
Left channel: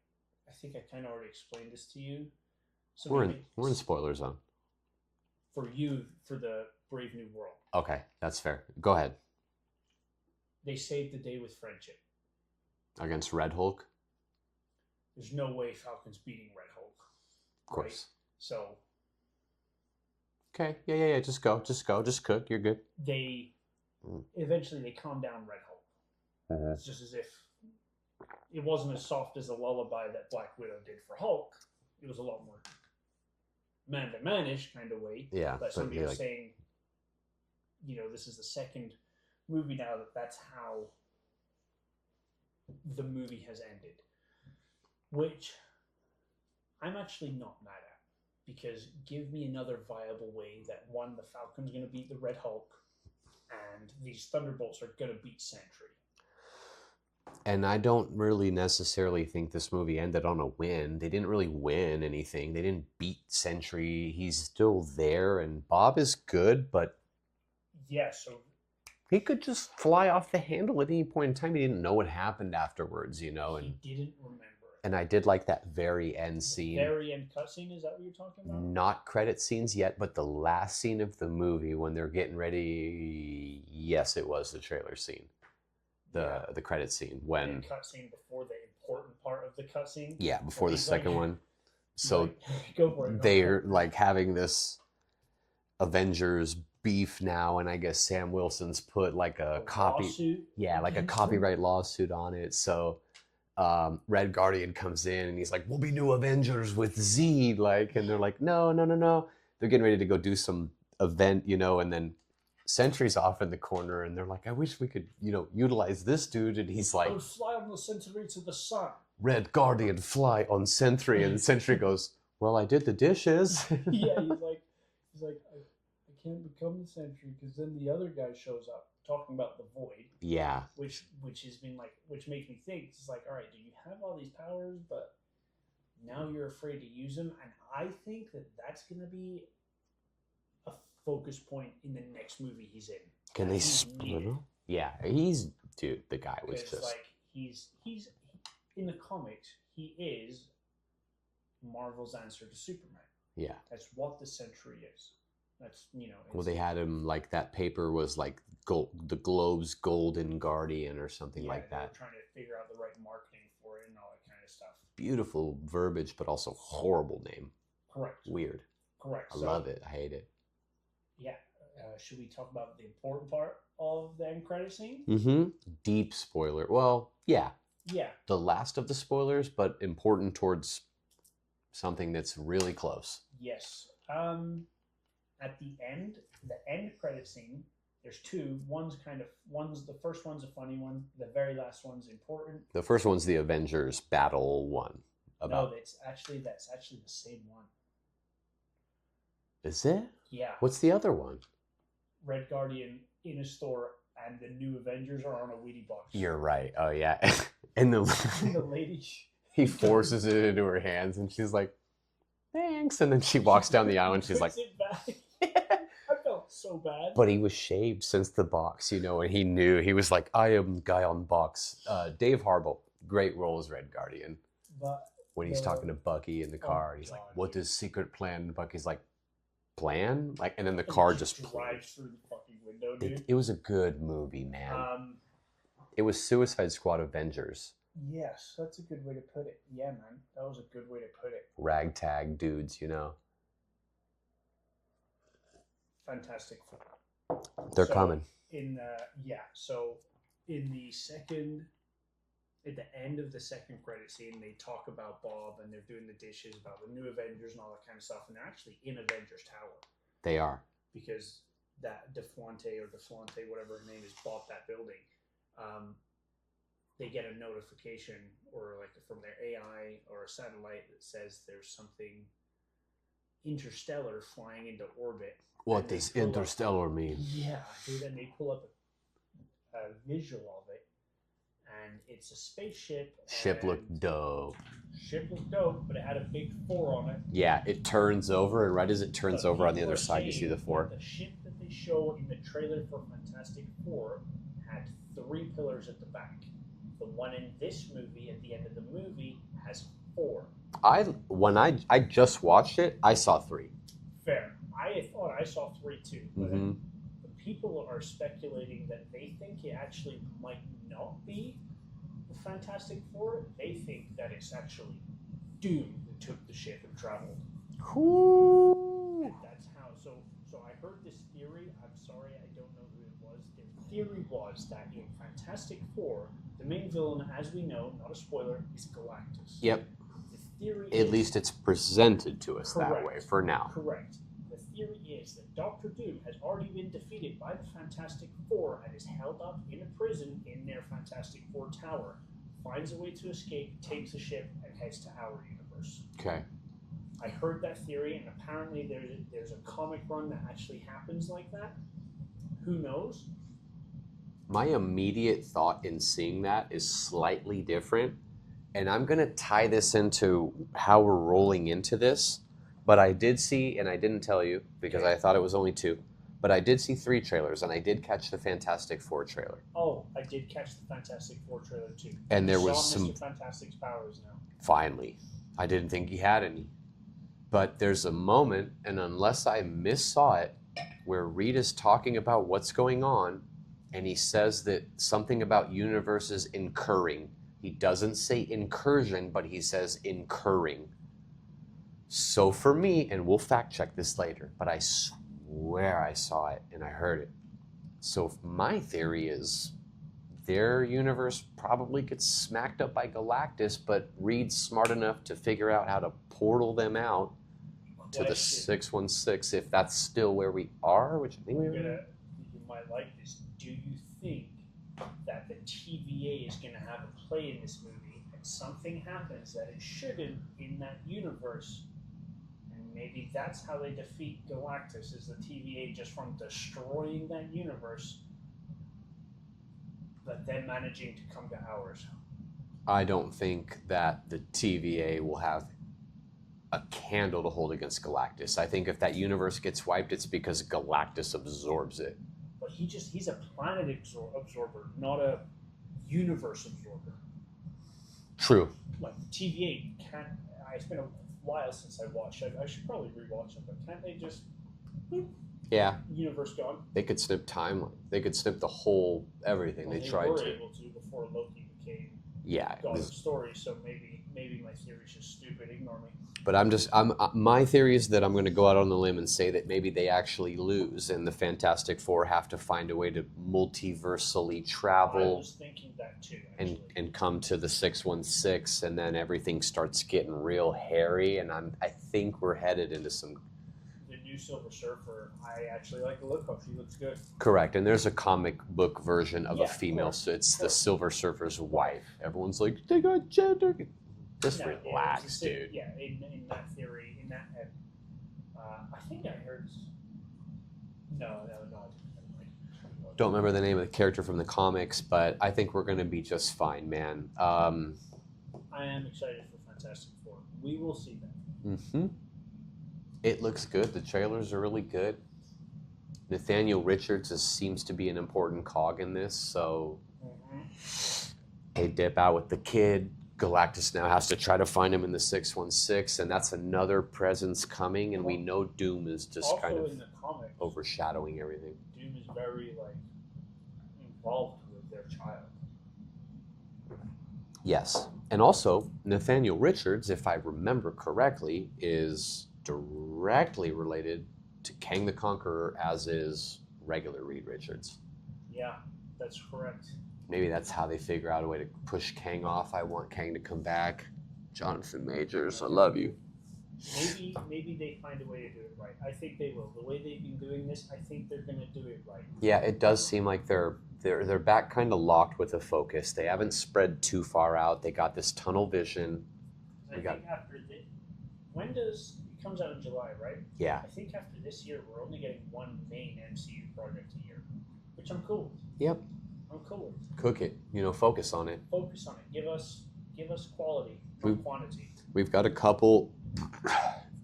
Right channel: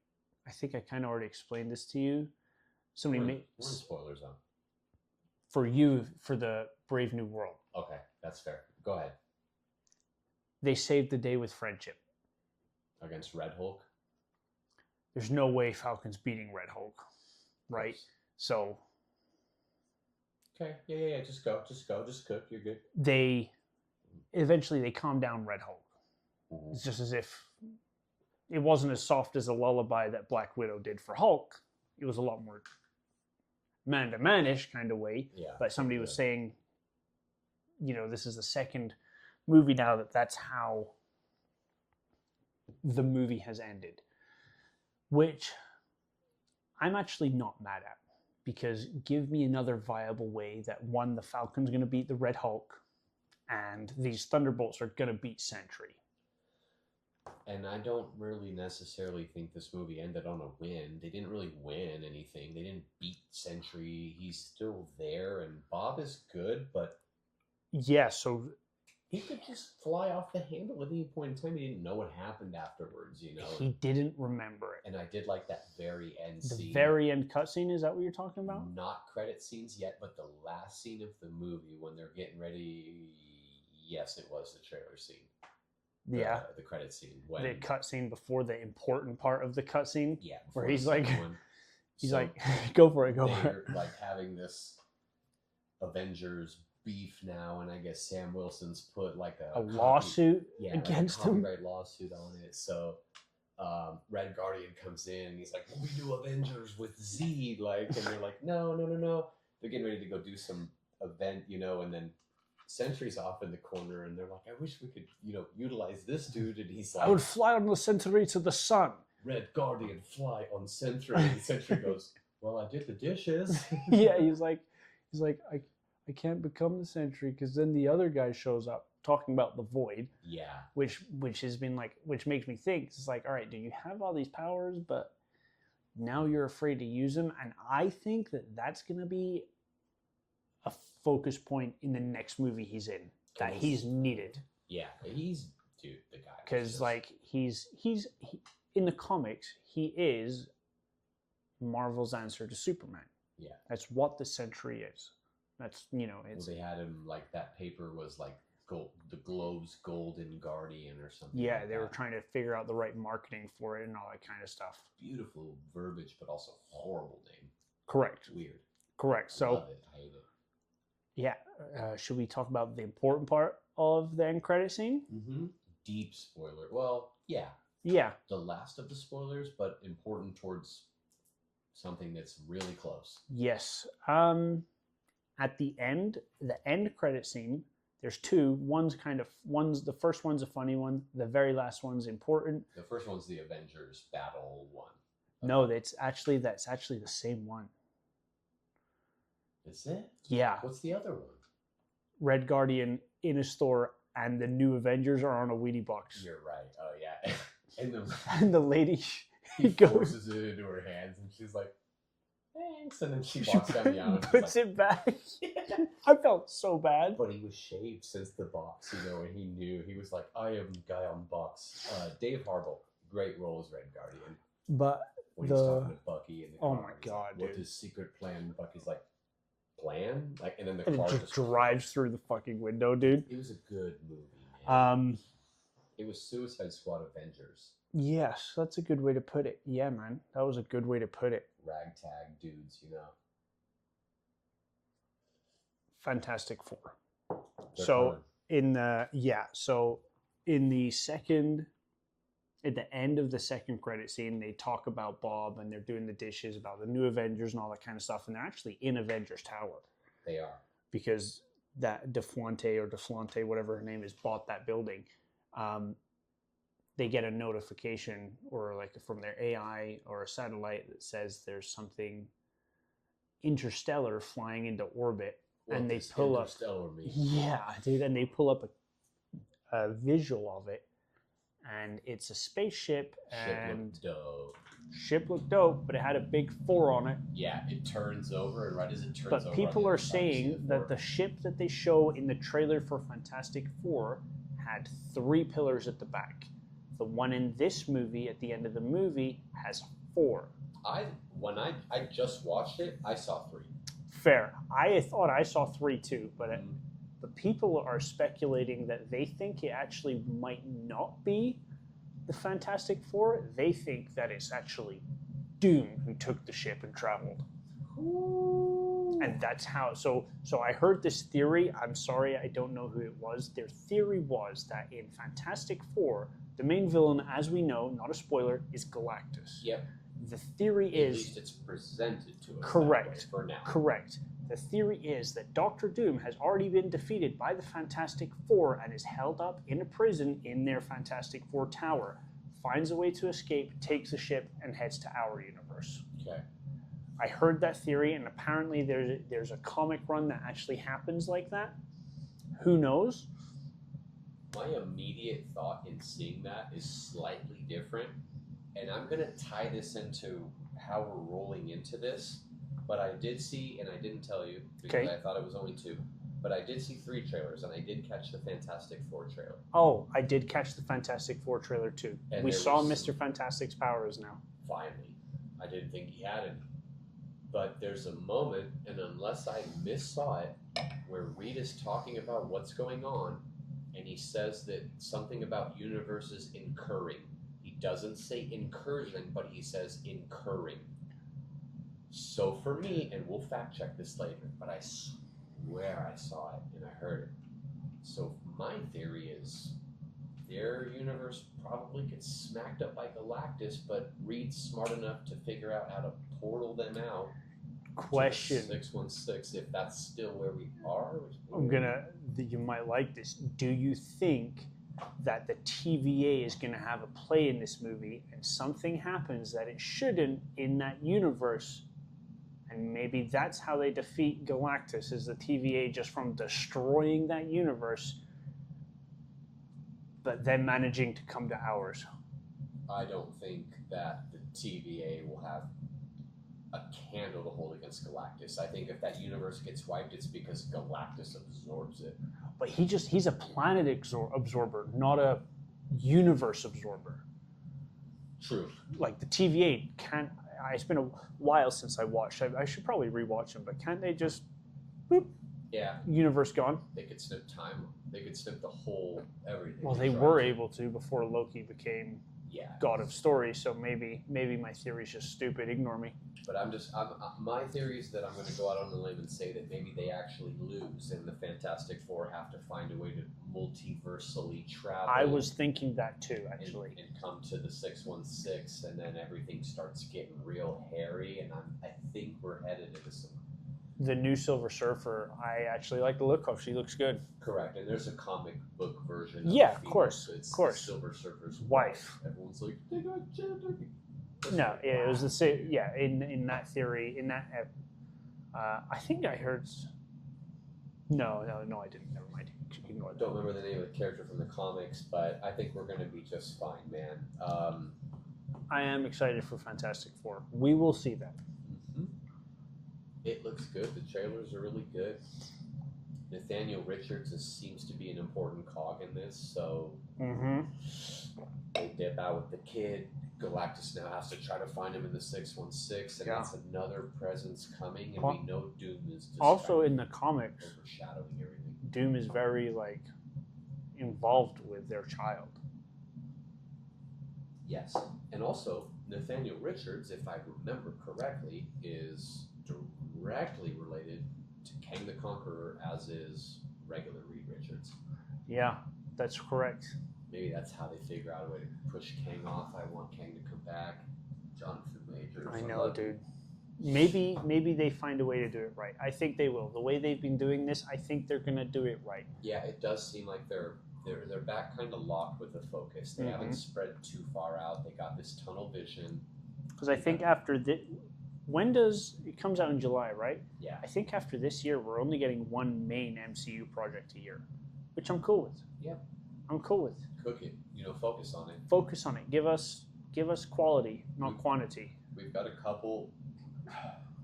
I think I kind of already explained this to you. So we're in spoiler zone. For you, for the Brave New World. Okay, that's fair. Go ahead. They saved the day with friendship. Against Red Hulk? There's no way Falcon's beating Red Hulk. Right? So. Okay, yeah. Just go. Just cook. You're good. Eventually they calm down Red Hulk. It's just as if it wasn't as soft as a lullaby that Black Widow did for Hulk. It was a lot more man-to-man-ish kind of way. Yeah. But somebody was saying, this is the second movie now that's how the movie has ended. Which I'm actually not mad at. Because give me another viable way that, one, the Falcon's going to beat the Red Hulk, and these Thunderbolts are going to beat Sentry. And I don't really necessarily think this movie ended on a win. They didn't really win anything. They didn't beat Sentry. He's still there, and Bob is good, but yeah, so he could just fly off the handle at any point in time. He didn't know what happened afterwards, He didn't remember it. And I did like that very end scene. The very end cutscene, is that what you're talking about? Not credit scenes yet, but the last scene of the movie when they're getting ready. Yes, it was the trailer scene. The credit scene. When the cutscene before the important part of the cutscene. Yeah, before the second one. So go for it. They're like having this Avengers beef now, and I guess Sam Wilson's put like a lawsuit. Yeah, like a copyright lawsuit on it. So Red Guardian comes in and he's like, "We'll be new Avengers with Z," and they're like, "No." They're getting ready to go do some event, and then Sentry's off in the corner, and they're like, "I wish we could, utilize this dude." And he's like, "I would fly on the Sentry to the sun." Red Guardian fly on Sentry, and Sentry goes, "Well, I did the dishes." Yeah, he's like, I can't become the Sentry because then the other guy shows up talking about the Void. Yeah. Which has been like, which makes me think, it's like, all right, do you have all these powers, but now you're afraid to use them? And I think that that's going to be a focus point in the next movie he's in. Can they he's needed? Yeah, dude, the guy was because just... like he's in the comics, he is Marvel's answer to Superman. Yeah, that's what the Sentry is. That's, you know. Well, they had him like that paper was like gold, the Globe's Golden Guardian or something. Yeah, like that. They were trying to figure out the right marketing for it and all that kind of stuff. Beautiful verbiage, but also horrible name. Correct. Weird. Correct. I love it. I hate it. Yeah. Should we talk about the important part of the end credit scene? Mm-hmm. Deep spoiler. Well, yeah. Yeah. The last of the spoilers, but important towards something that's really close. Yes. At the end credit scene, there's two. The first one's a funny one. The very last one's important. The first one's the Avengers battle one. No, that's actually the same one. Is it? Yeah. What's the other one? Red Guardian in a store, and the new Avengers are on a Wheatie box. You're right. Oh yeah. and the lady, he forces it into her hands, and she's like, "Thanks." And then she walks down the aisle, and she's like, "Puts it back." Yeah. I felt so bad. But he was shaved since the box, you know, and he knew. He was like, "I am guy on box." Dave Harbour, great role as Red Guardian. But when he's talking to Bucky in the car, he's God, like, "What dude. does secret plan?" And Bucky's like, "Plan?" Like, and then the car just drives through the fucking window, dude. It was a good movie, man. It was Suicide Squad Avengers. Yes, that's a good way to put it. Yeah, man, that was a good way to put it. Ragtag dudes, you know. Fantastic Four. They're coming. So in the second, at the end of the second credit scene, they talk about Bob and they're doing the dishes about the new Avengers and all that kind of stuff, and they're actually in Avengers Tower. They are. Because that DeFlante, whatever her name is, bought that building. They get a notification or like from their AI or a satellite that says there's something interstellar flying into orbit. What does interstellar mean? Yeah, then they pull up a visual of it, and it's a spaceship. Ship looked dope. Ship looked dope, but it had a big 4 on it. Yeah, it turns over, and right as it turns over on the other side, you see the 4. That the ship that they show in the trailer for Fantastic Four had 3 pillars at the back. The one in this movie, at the end of the movie, has 4. When I just watched it, I saw 3. Fair. I thought I saw 3 too, but but people are speculating that they think it actually might not be the Fantastic Four. They think that it's actually Doom who took the ship and traveled. Cool. And that's how. So I heard this theory. I'm sorry, I don't know who it was. Their theory was that in Fantastic Four, the main villain, as we know, not a spoiler, is Galactus. Yep. The theory is... At least it's presented to us that way for now. Correct. The theory is that Doctor Doom has already been defeated by the Fantastic Four and is held up in a prison in their Fantastic Four tower, finds a way to escape, takes a ship, and heads to our universe. Okay. I heard that theory, and apparently there's a comic run that actually happens like that. Who knows? My immediate thought in seeing that is slightly different, and I'm going to tie this into how we're rolling into this, but I did see, and I didn't tell you because I thought it was only 2, but I did see 3 trailers, and I did catch the Fantastic Four trailer. Oh, I did catch the Fantastic Four trailer too. And there was Mr. Fantastic's powers now. Finally. I didn't think he had any. But there's a moment, and unless I missaw it, where Rita's talking about what's going on, and he says that something about universes incurring. He doesn't say incursion, but he says incurring. So for me, and we'll fact check this later, but I swear I saw it and I heard it. So my theory is their universe probably gets smacked up by Galactus, but Reed's smart enough to figure out how to portal them out to the 616, if that's still where we are, which I think you might like this. Do you think that the TVA is going to have a play in this movie and something happens that it shouldn't in that universe And maybe that's how they defeat Galactus, is the TVA just from destroying that universe, but then managing to come to ours. I don't think that the TVA will have a candle to hold against Galactus. I think if that universe gets wiped, it's because Galactus absorbs it. But he's a planet absorber, not a universe absorber. True. Like the TVA can't. It's been a while since I watched. I should probably rewatch them, but can't they just? Boop, yeah. Universe gone. They could snip time. They could snip the whole everything. Well, they were able to before Loki became God of Story. So maybe my theory's just stupid. Ignore me. But my theory is that I'm going to go out on the limb and say that maybe they actually lose, and the Fantastic Four have to find a way to multiversally travel. I was thinking that too, actually. And come to the 616, and then everything starts getting real hairy, and I think we're headed into some. The new Silver Surfer, I actually like the look of. She looks good. Correct, and there's a comic book version of a female, so it's the Silver Surfer's wife. Everyone's like, they got gender. No, yeah, it was the same. Yeah, in that theory, I think I heard. No, I didn't. Never mind. Don't remember the name of the character from the comics, but I think we're going to be just fine, man. I am excited for Fantastic Four. We will see that. Mm-hmm. It looks good. The trailers are really good. Nathaniel Richards seems to be an important cog in this, so they dip out with the kid. Galactus now has to try to find him in the 616, and that's another presence coming, and we know Doom is just also kind of in the comics overshadowing everything. Doom is very involved with their child. Yes, and also Nathaniel Richards, if I remember correctly, is directly related to Kang the Conqueror, as is regular Reed Richards. Yeah, that's correct. Maybe that's how they figure out a way to push Kang off. I want Kang to come back. Jonathan Majors, I love you. Maybe they find a way to do it right. I think they will. The way they've been doing this, I think they're going to do it right. Yeah, it does seem like they're back kind of locked with a focus. They haven't spread too far out. They got this tunnel vision. Because I think after this, it comes out in July, right? Yeah. I think after this year, we're only getting one main MCU project a year, which I'm cool with. Yep. I'm cool with. Cook it. Focus on it. Focus on it. Give us quality, not quantity. We've got a couple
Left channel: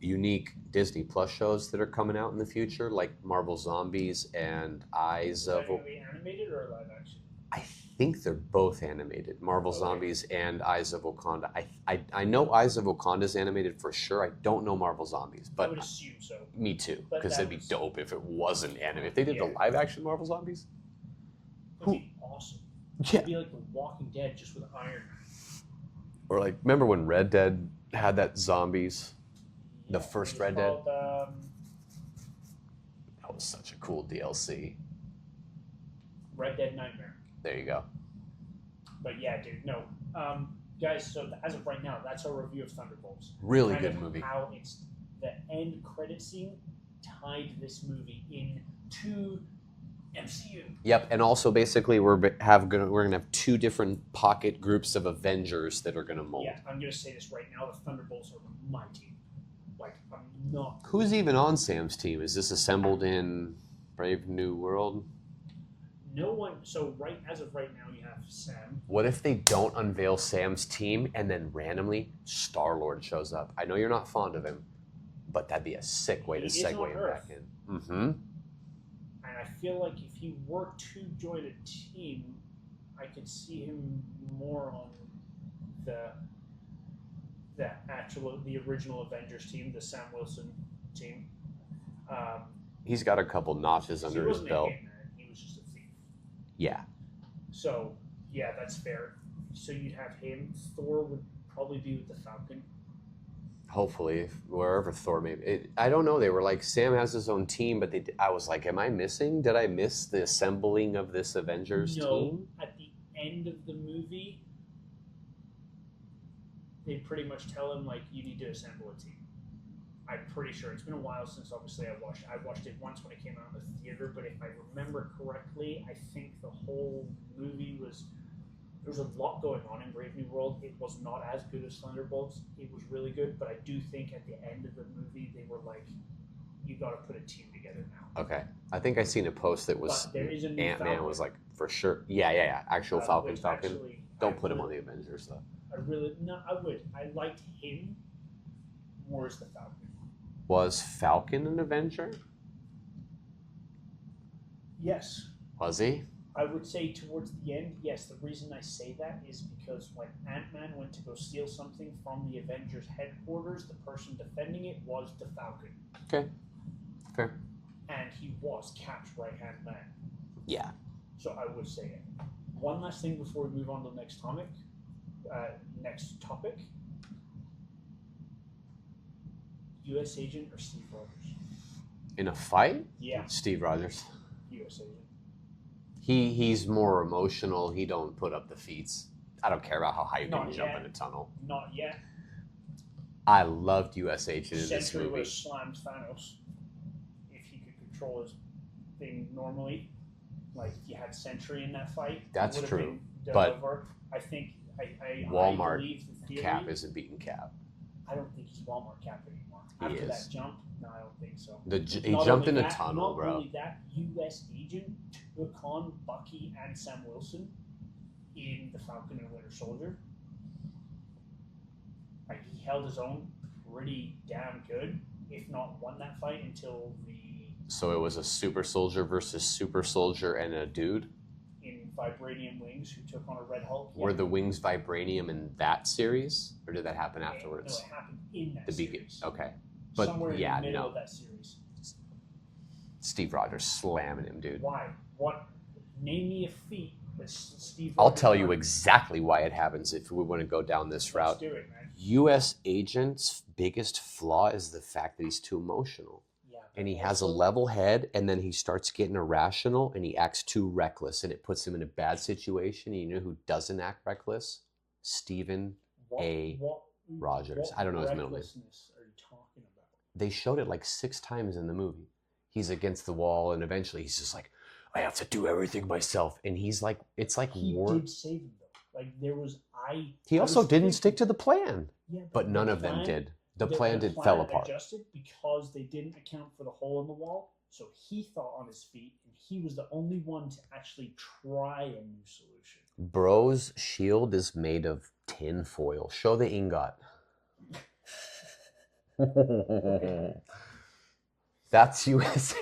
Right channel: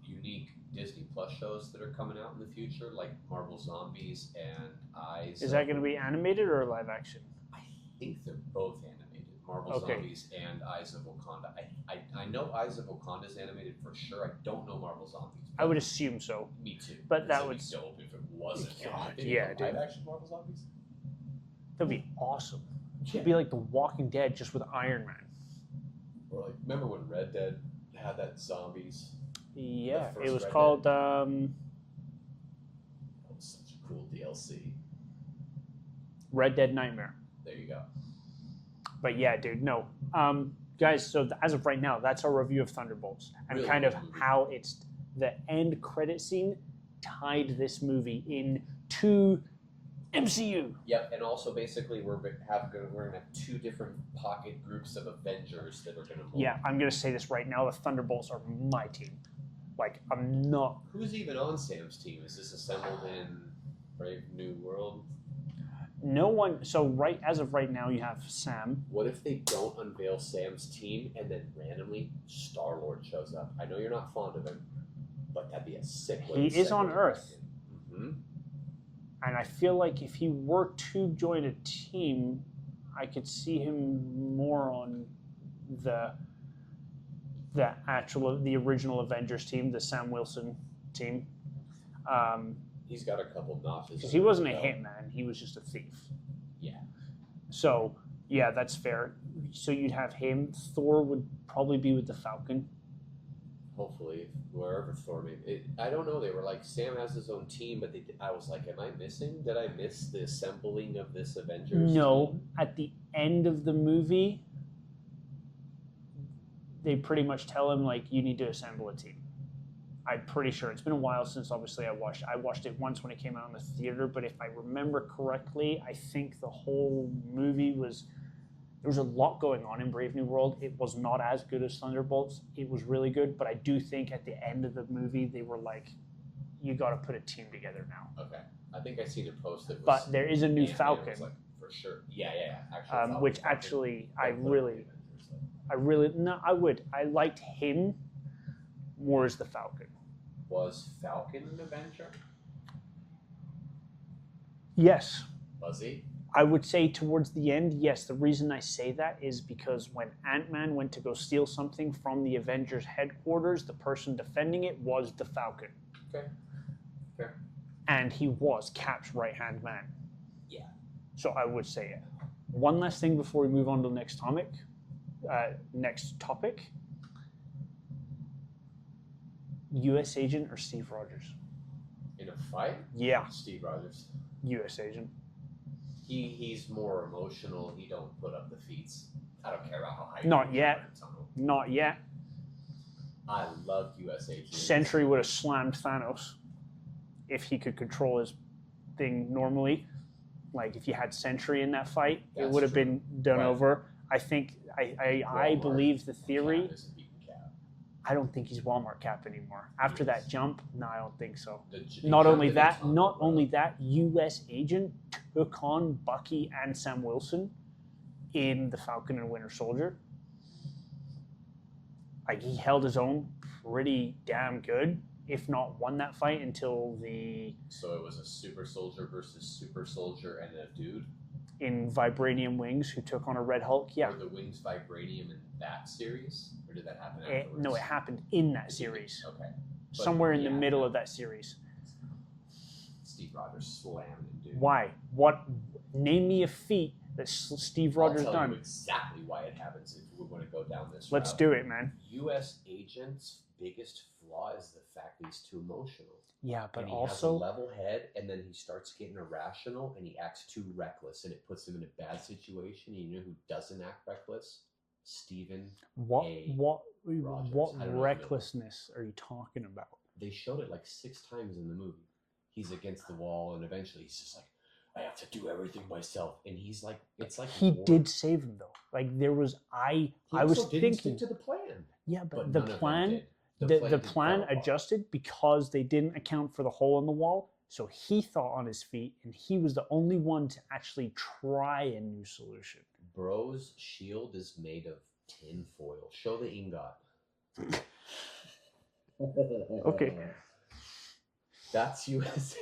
unique Disney Plus shows that are coming out in the future, like Marvel Zombies and Eyes. Is that going to be animated or live action? I think they're both animated. Marvel Zombies and Eyes of Wakanda. I know Eyes of Wakanda is animated for sure. I don't know Marvel Zombies. But I would assume so. Me too. Because that'd be dope if it wasn't animated. If they did the live action Marvel Zombies. That'd be awesome. It'd be like The Walking Dead just with Iron Man. Or remember when Red Dead had that zombies? Yeah, the first it was Red called, Dead. That was such a cool DLC. Red Dead Nightmare. There you go. But yeah, dude, no. Guys, so as of right now, that's our review of Thunderbolts. Really kind good of movie. How it's the end credit scene tied this movie into MCU. Yep, and also basically we're gonna have two different pocket groups of Avengers that are gonna mold. Yeah, I'm gonna say this right now: the Thunderbolts are my team. I'm not. Who's even on Sam's team? Is this assembled in Brave New World? No one. So as of right now, you have Sam. What if they don't unveil Sam's team and then randomly Star-Lord shows up? I know you're not fond of him, but that'd be a sick way to segue is on Earth. back in. Mm-hmm. And I feel like if he were to join a team, I could see him more on the original Avengers team, the Sam Wilson team. He's got a couple notches under He wasn't his a belt. hitman; he was just a thief. Yeah. So yeah, that's fair. So you'd have him. Thor would probably be with the Falcon. Hopefully, wherever Thor may be. I don't know. They were like, Sam has his own team, but I was like, am I missing? Did I miss the assembling of this Avengers team? At the end of the movie, they pretty much tell him, you need to assemble a team. I'm pretty sure. It's been a while since, obviously, I watched it once when it came out in the theater, but if I remember correctly, I think the whole movie was There was a lot going on in Brave New World. It was not as good as Thunderbolts. It was really good, but I do think at the end of the movie they were like, you got to put a team together now. Okay. I think I seen a post that was. But there is a new Ant-Man Falcon. was like, for sure. Yeah. Actual Falcon. Which Falcon. actually, Don't put him on the Avengers, though. I would. I liked him more as the Falcon. Was Falcon an Avenger? Yes. Was he? I would say towards the end, yes. The reason I say that is because when Ant-Man went to go steal something from the Avengers headquarters, the person defending it was the Falcon. Okay. Fair. And he was Cap's right-hand man. Yeah. So I would say it. One last thing before we move on to the next topic. U.S. agent or Steve Rogers? In a fight? Yeah. Steve Rogers. U.S. agent. He's more emotional. He don't put up the feats. I don't care about how high you can jump in a tunnel. Not yet. I loved U.S. Agent. Sentry would have slammed Thanos if he could control his thing normally. Like if you had Sentry in that fight, it would have been done over. I think I believe the theory. Cap isn't beating Cap. I don't think he's Walmart Cap anymore. After that jump, no, I don't think so. Not only that, U.S. Agent took on Bucky and Sam Wilson in the Falcon and Winter Soldier. Like he held his own pretty damn good, if not won that fight until the. So it was a super soldier versus super soldier and a dude. In vibranium wings, who took on a Red Hulk. Yeah. Were the wings vibranium in that series, or did that happen afterwards? No, it happened in that series. Okay. But somewhere in the middle of that series. Steve Rogers slamming him, dude. Why? What? Name me a feat that Steve Rogers. I'll tell you exactly why it happens if we want to go down this route. Let's do it, man. U.S. Agent's biggest flaw is the fact that he's too emotional. Yeah, but and he has a level head, and then he starts getting irrational, and he acts too reckless, and it puts him in a bad situation. And you know who doesn't act reckless? Stephen Rogers. I don't know. What recklessness are you talking about? They showed it like 6 times in the movie. He's against the wall, and eventually he's just like, I have to do everything myself. And he's like, it's like he did save him though. Like there was He also didn't stick to the plan. Yeah, but none of them did. The plan adjusted because they didn't account for the hole in the wall. So he thought on his feet, and he was the only one to actually try a new solution. Bro's shield is made of tin foil. Show the ingot. Okay. That's U.S.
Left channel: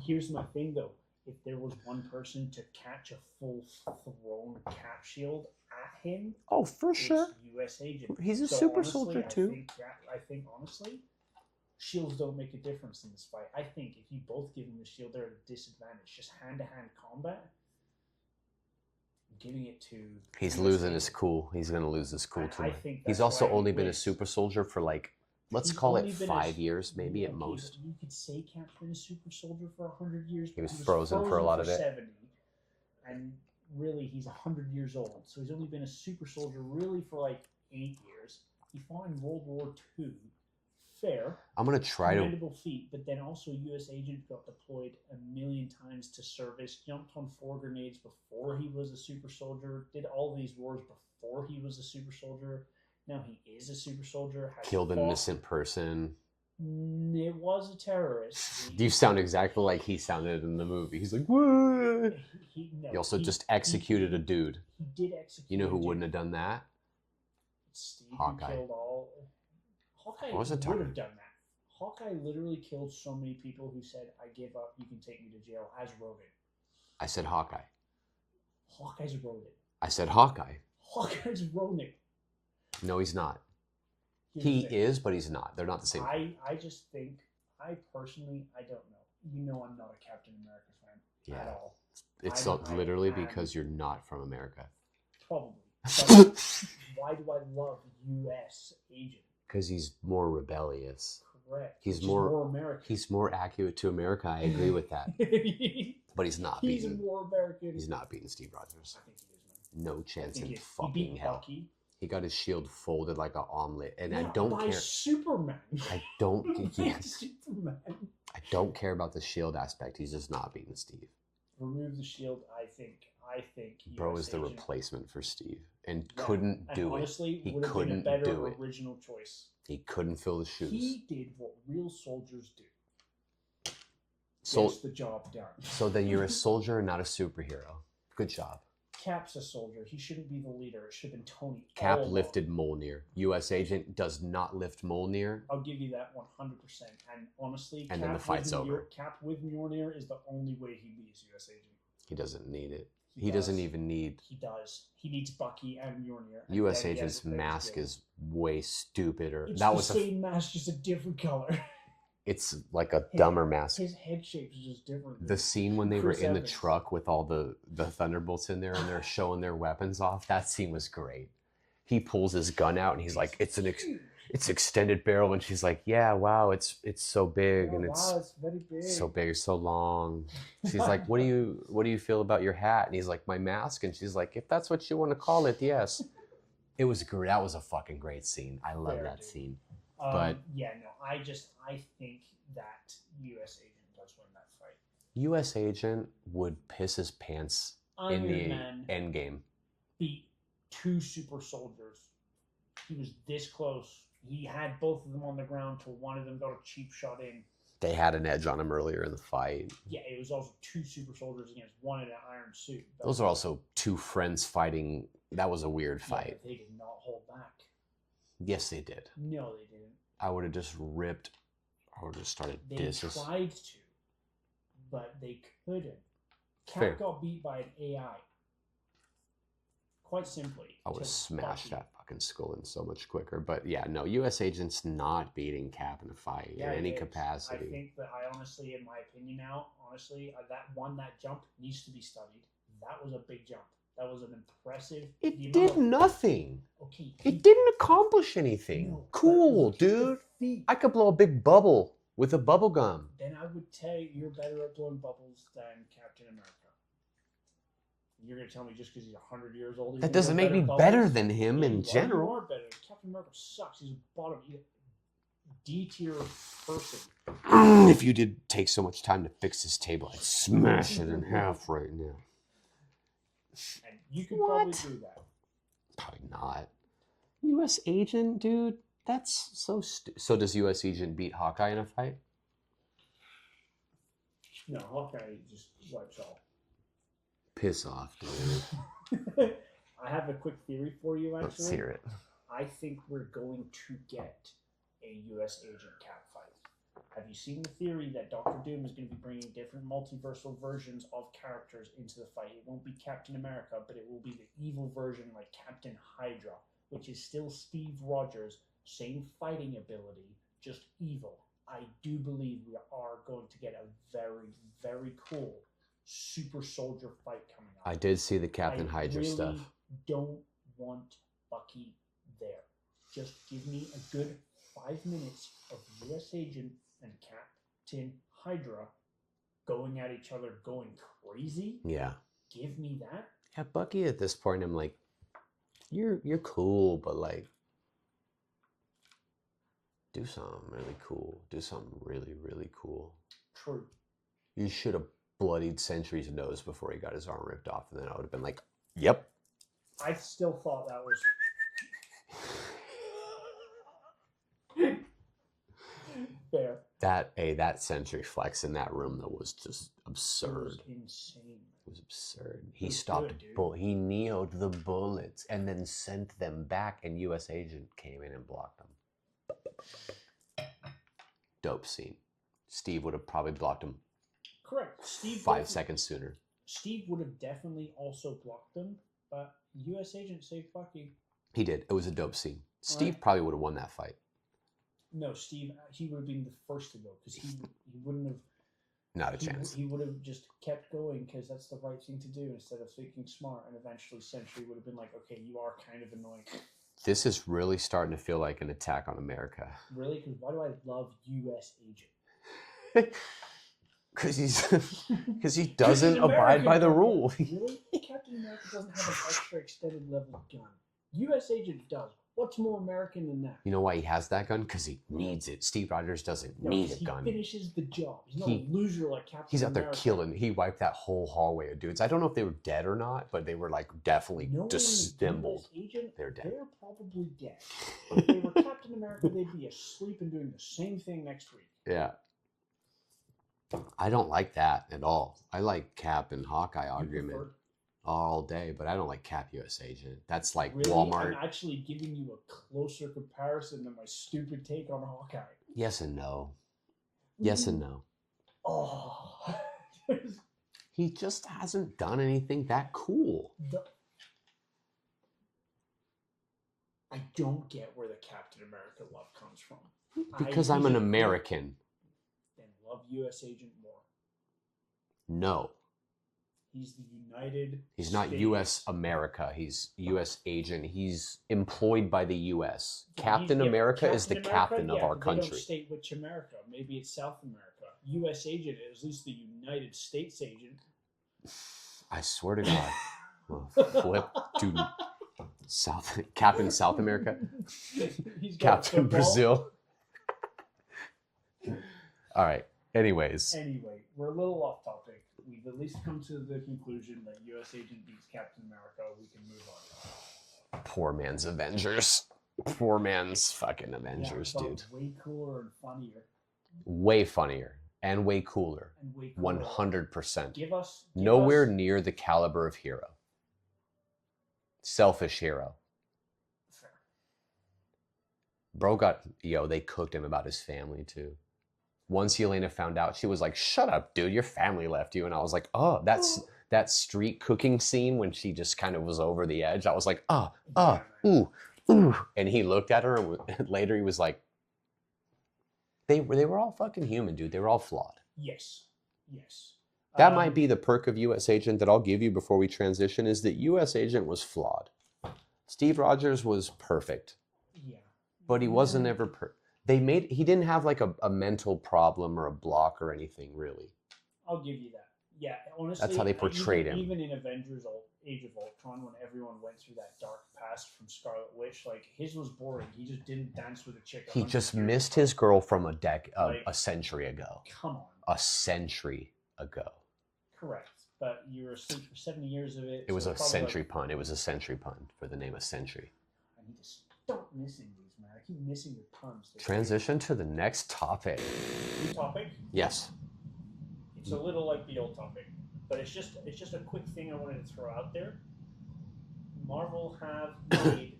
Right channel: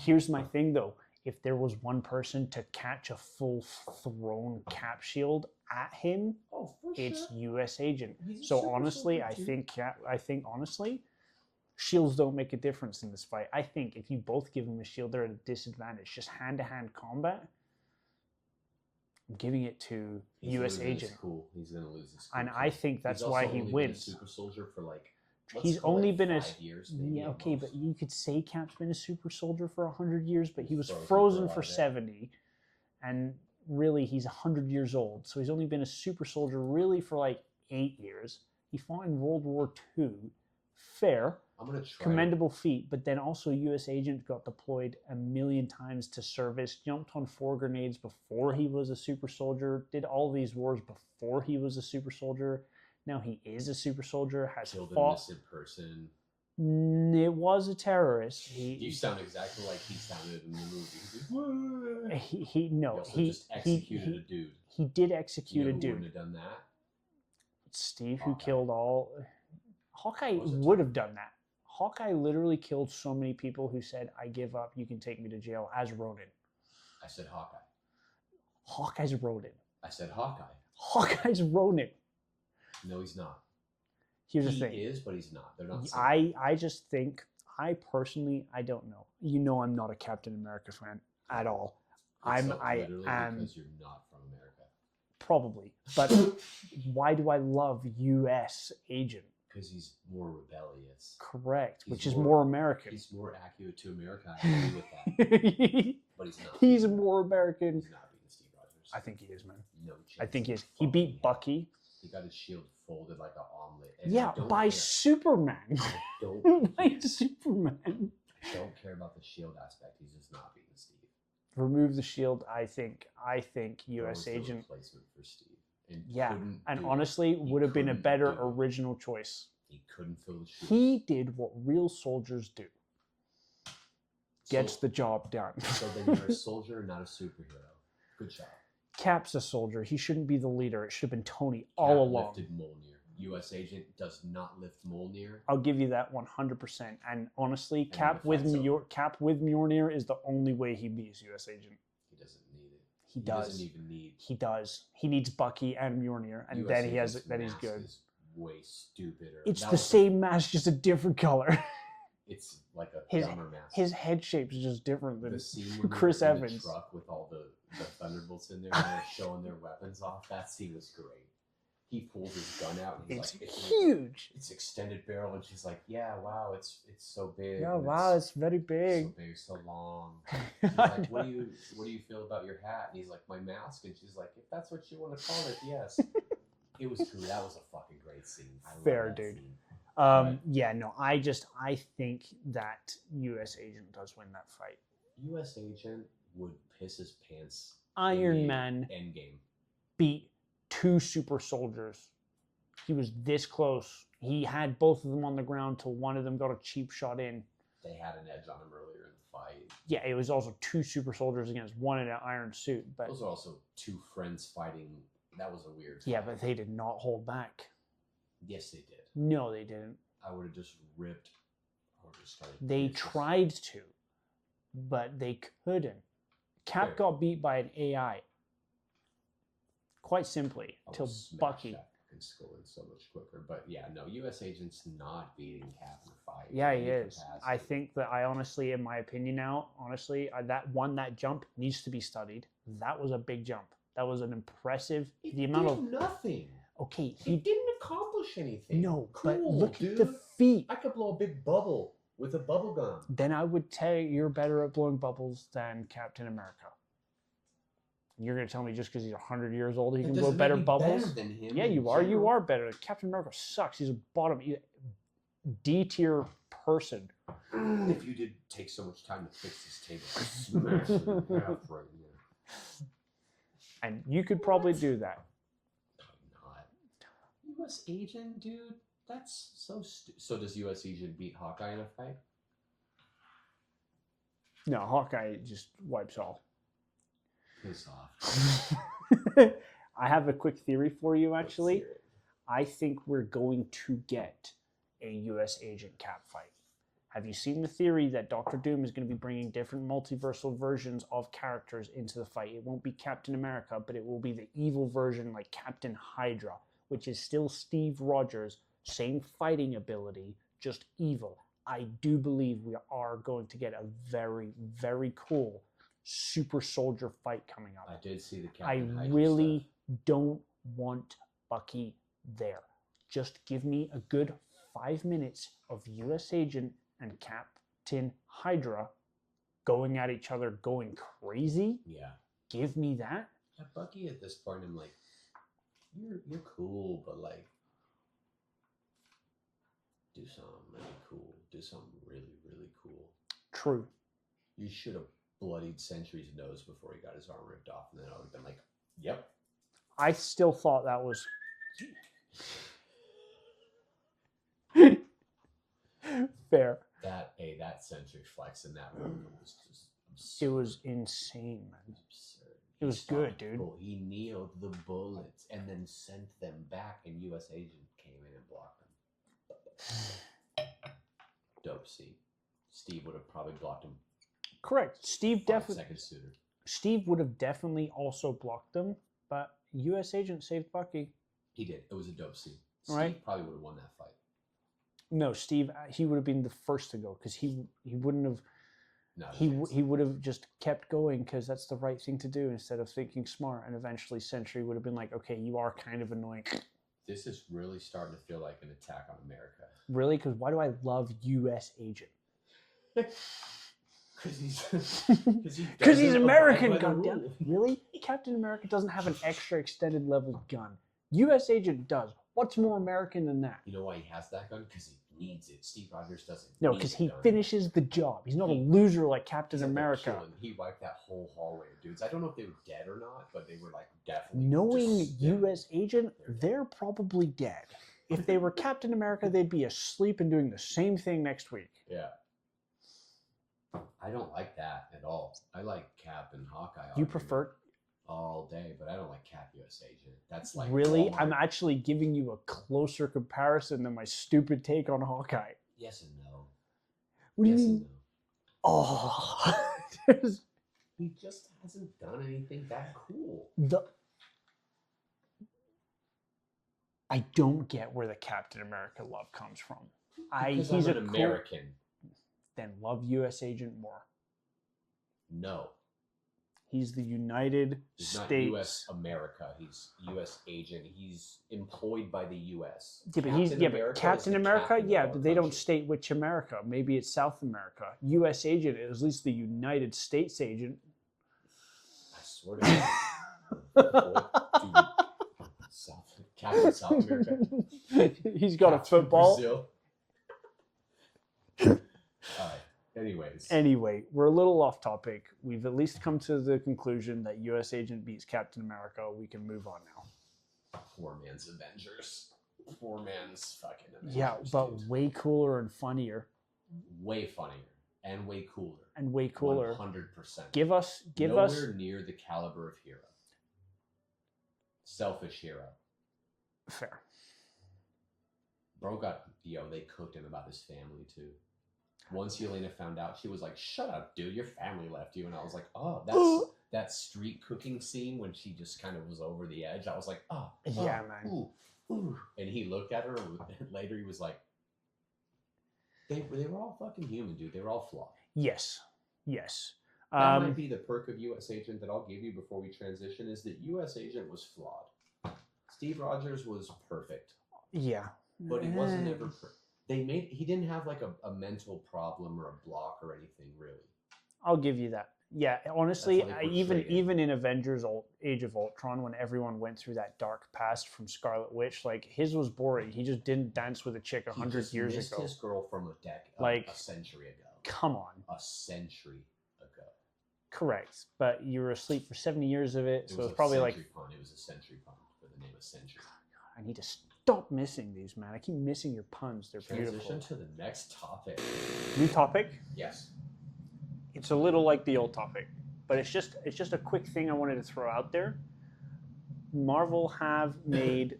Here's my thing, though. If there was one person to catch a full-thrown Cap shield at him, for sure, it's U.S. Agent. He's a super soldier too. I think honestly, shields don't make a difference in this fight. I think if you both give him a shield, they're at a disadvantage. Just hand-to-hand combat. I'm giving it to. He's US losing Agent. his cool. He's going to lose his cool. And I think that's he's also why he only wins. been a super soldier for like. Let's He's call only it been 5 years, maybe at most. But you could say Cap's been a super soldier for 100 years, but he was frozen for 70, and really he's 100 years old. So he's only been a super soldier really for like 8 years. He fought in World War II. Fair. I'm gonna try commendable feat, but then also U.S. Agent got deployed a million times to service, jumped on 4 grenades before he was a super soldier, did all these wars before he was a super soldier. Now he is a super soldier. Has killed an innocent person. It was a terrorist. You sound exactly like he sounded in the movie. He's like, what? He also just executed a dude. He did execute. You know who wouldn't have done that? Steve, Hawkeye. Who killed all. Hawkeye would have done that. Hawkeye literally killed so many people who said, "I give up. You can take me to jail." As Ronin. I said Hawkeye. Hawkeye's Ronin. I said Hawkeye. Hawkeye's Ronin. No, he's not. He is, but he's not. They're not the same. I just think, I personally, I don't know. You know I'm not a Captain America fan at all. It's literally because you're not from America. Probably. But why do I love U.S. Agent? Because he's more rebellious. Correct. He's more American. He's more accurate to America. I agree with that. But he's not. He's more American. He's not beating Steve Rogers. I think he is, man. No chance. I think he beat Bucky. He got his shield folded like an omelet. And yeah, I don't by care. Superman. I don't Superman. I don't care about the shield aspect. He's just not beating Steve. Remove the shield. I think I think Bro was U.S. the Agent replacement for Steve and yeah, couldn't and do honestly it. He would have been a couldn't better do it. original choice. He couldn't fill the shoes. He did what real soldiers do. Gets the job done. So then you're a soldier and not a superhero. Good job. Cap's a soldier. He shouldn't be the leader. It should have been Tony Cap all along. lifted Mjolnir. U.S. Agent does not lift Mjolnir. I'll give you that 100%. And honestly, And Cap with Mjolnir is the only way he beats U.S. Agent. He doesn't need it. He doesn't even need... He does. He needs Bucky and Mjolnir. And U.S. then Agent's mask is way stupider. It's the same mask, just a different color. It's like a dumber mask. His head shape is just different. Than the scene when they Chris were in Evans. the truck with all the Thunderbolts in there and they're showing their weapons off, that scene was great. He pulls his gun out and he's like, "It's huge. It's extended barrel," and she's like, "Yeah, wow, it's so big and it's very big, so big, so long." She's like, "What do you feel about your hat?" And he's like, "My mask." And she's like, "If that's what you want to call it, yes." It was great. That was a fucking great scene. I love that scene. I think that U.S. Agent does win that fight. U.S. Agent would piss his pants. Iron Man Endgame beat 2 super soldiers. He was this close. He had both of them on the ground till one of them got a cheap shot in. They had an edge on him earlier in the fight. Yeah, it was also 2 super soldiers against one in an iron suit. But those are also 2 friends fighting. That was a weird fight. Yeah, but they did not hold back. Yes, they did. No, they didn't. I would have just ripped. I would have started. They tried to, but they couldn't. Cap got beat by an AI. Quite simply. I would smash that fucking skull in so much quicker. But yeah, no, U.S. Agent's not beating Cap in a fight. Yeah, in any it is. capacity. I think that in my opinion now, that jump needs to be studied. That was a big jump. That was an impressive. It did nothing. Okay. It didn't accomplish anything. No. Cool, dude. The feet. I could blow a big bubble with a bubble gum. Then I would tell you you're better at blowing bubbles than Captain America. You're going to tell me just because he's 100 years old, that doesn't make me better than him. Yeah, in you general. are. You are better. Captain America sucks. He's a D-tier person. If you did take so much time to fix this table, I'd smash it in half right now. And you could probably do that. Probably not. U.S. Agent, dude, that's so So does U.S. Agent beat Hawkeye in a fight? No, Hawkeye just wipes all. Piss off. I have a quick theory for you, actually. Let's hear it. I think we're going to get a U.S. Agent Cap fight. Have you seen the theory that Doctor Doom is going to be bringing different multiversal versions of characters into the fight? It won't be Captain America, but it will be the evil version like Captain Hydra, which is still Steve Rogers, same fighting ability, just evil. I do believe we are going to get a very, very cool super soldier fight coming up. I did see the Captain Hydra stuff. I really don't want Bucky there. Just give me a good 5 minutes of U.S. Agent and Captain Hydra going at each other, going crazy. Yeah. Give me that. Yeah, Bucky at this point, I'm like, you're cool, but like, do something really cool. Do something really, really cool. True. You should have bloodied Sentry's nose before he got his arm ripped off, and then I would have been like, yep. I still thought that was... Fair. That Sentry flex in that room though was just absurd. It was insane. It was absurd. He stopped, dude. He neoed the bullets and then sent them back, and U.S. Agent came in and blocked them. Dope scene. Steve would have probably blocked him. Correct. Steve 5 seconds sooner. Steve would have definitely also blocked them, but U.S. Agent saved Bucky. He did. It was a dope scene. Steve Right. probably would have won that fight. No, Steve, he would have been the first to go because he wouldn't have. Not a chance. He would have just kept going because that's the right thing to do instead of thinking smart. And eventually, Sentry would have been like, "Okay, you are kind of annoying." This is really starting to feel like an attack on America. Really? Because why do I love U.S. Agent? Because he doesn't abide by the rule. Really? Captain America doesn't have an extra extended level gun. U.S. Agent does. What's more American than that? You know why he has that gun? Because he needs it. Steve Rogers doesn't No, need because a he gun. finishes the job. He's not a loser like Captain He's out America. there killing. He wiped that whole hallway of dudes. I don't know if they were dead or not, but they were like definitely Knowing disassembled. U.S. agent, They're they're probably dead. If they were Captain America, they'd be asleep and doing the same thing next week. Yeah. I don't like that at all. I like Cap and Hawkeye You argument prefer all day, but I don't like Cap US Agent. That's like really? Walmart. I'm actually giving you a closer comparison than my stupid take on Hawkeye. Yes and no. What do you Yes mean? and no. Oh, He just hasn't done anything that cool. I don't get where the Captain America love comes from. Because I'm an American. Then love U.S. Agent more. No. He's the United He's States. not U.S. America. He's U.S. agent. He's employed by the U.S. Yeah, Captain America is the captain of our they country. don't state which America. Maybe it's South America. U.S. agent is at least the United States agent. I swear to God. Oh, flip, dude. Captain South America. He's got Captain football. Brazil. All right. Anyways. Anyway, we're a little off topic. We've at least come to the conclusion that U.S. agent beats Captain America. We can move on now. Poor man's Avengers. Poor man's fucking Avengers, yeah, but dude. way cooler and funnier. Way funnier and way cooler. And way cooler. 100%. Give us nowhere near the caliber of hero. Selfish hero. Fair. Bro they cooked him about his family too. Once Yelena found out, she was like, "Shut up, dude, your family left you." And I was like, "Oh, that's that street cooking scene when she just kind of was over the edge." I was like, ooh." And he looked at her and later he was like, they were all fucking human, dude. They were all flawed. Yes. That might be the perk of U.S. Agent that I'll give you before we transition, is that U.S. Agent was flawed. Steve Rogers was perfect. Yeah. But he wasn't ever he didn't have like a mental problem or a block or anything, really. I'll give you that. Yeah, honestly, that's how they portrayed him. Even in Avengers Age of Ultron, when everyone went through that dark past from Scarlet Witch, like his was boring. He just didn't dance with a chick 100 years ago. He just missed his girl from a century ago. Come on. A century ago. Correct. But you were asleep for 70 years of it. It was a century pun. It was a century pun for the name of century. I need to stop missing these, man. I keep missing your puns. They're Transition beautiful. to the next topic. New topic? Yes. It's a little like the old topic, but it's just a quick thing I wanted to throw out there. Marvel have made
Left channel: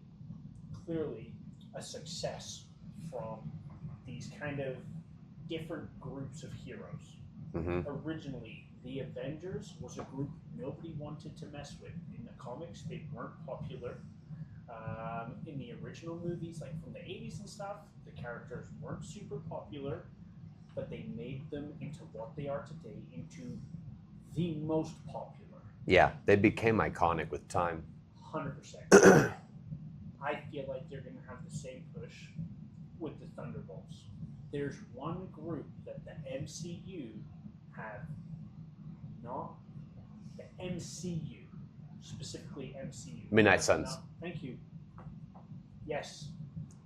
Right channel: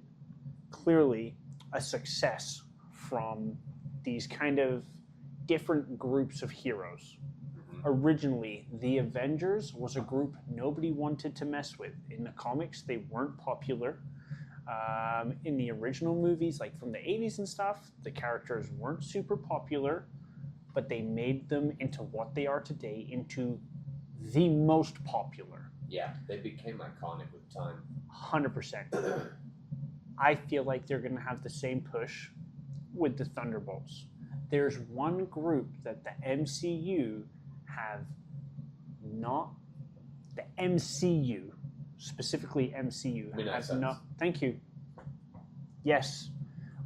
clearly a success from these kind of different groups of heroes. Mm-hmm. Originally, the Avengers was a group nobody wanted to mess with. In the comics, they weren't popular. In the original movies, like from the 80s and stuff, the characters weren't super popular, but they made them into what they are today, into the most popular. Yeah, they became iconic with time. 100%. I feel like they're going to have the same push with the Thunderbolts. There's one group that the MCU have not... The MCU, specifically MCU. Midnight Suns. Thank you. Yes.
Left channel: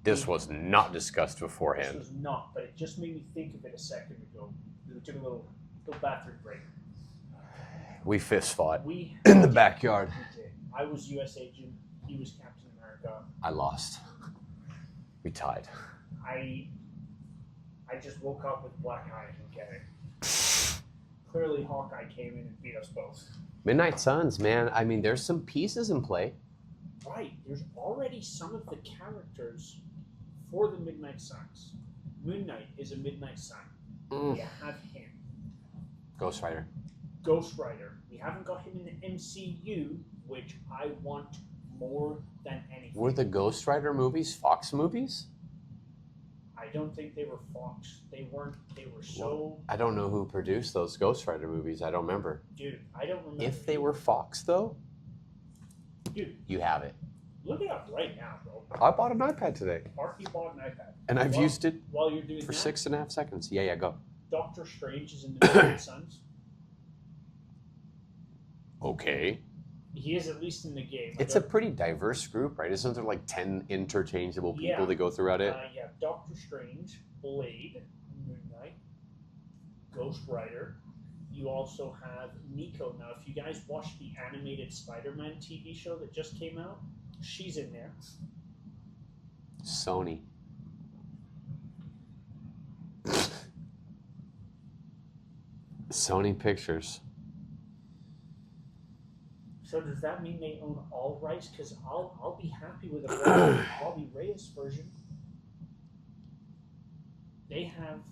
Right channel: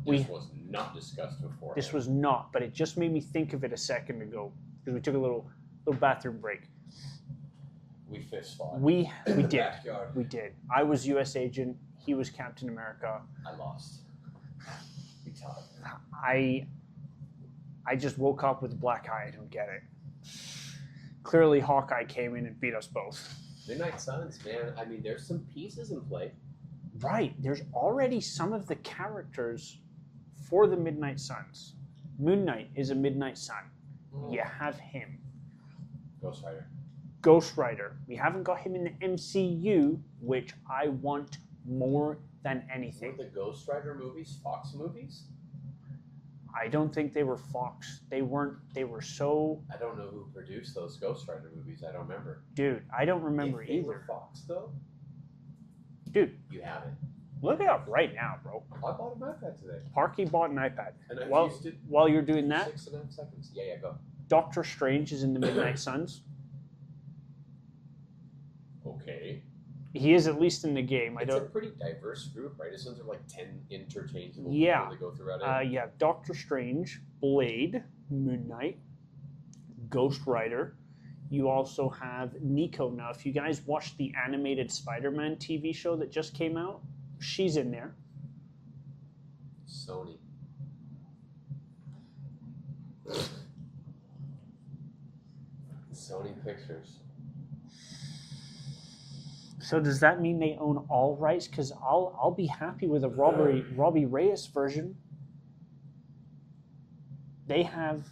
This was not discussed beforehand. This was not, but it just made me think of it a second ago because we took a little bathroom break. We fist fought. In the backyard. We did. I was U.S. Agent. He was Captain America. I lost. We tied. I just woke up with a black eye. I don't get it. Clearly, Hawkeye came in and beat us both. Midnight Suns, man. I mean, there's some pieces in play. Right. There's already some of the characters for the Midnight Suns. Moon Knight is a Midnight Sun. You have him. Ghost Rider. We haven't got him in the MCU, which I want more than anything. Were the Ghost Rider movies Fox movies? I don't think they were Fox. They weren't. They were so... I don't know who produced those Ghost Rider movies. I don't remember. Dude, I don't remember If they were Fox, though? Dude. You have it. Look it up right now, bro. I bought an iPad today. Parky bought an iPad. And I've used it while you're doing for that, 6.5 seconds. Yeah, go. Doctor Strange is in the Midnight Suns. Okay. He is at least in the game. It's a pretty diverse group, right? Isn't there like 10 interchangeable people that go throughout it? Yeah, Doctor Strange, Blade, Moon Knight, Ghost Rider. You also have Nico. Now, if you guys watched the animated Spider-Man TV show that just came out, she's in there. Sony. Sony Pictures. So does that mean they own all rights? Because I'll be happy with a Robbie Reyes version. They have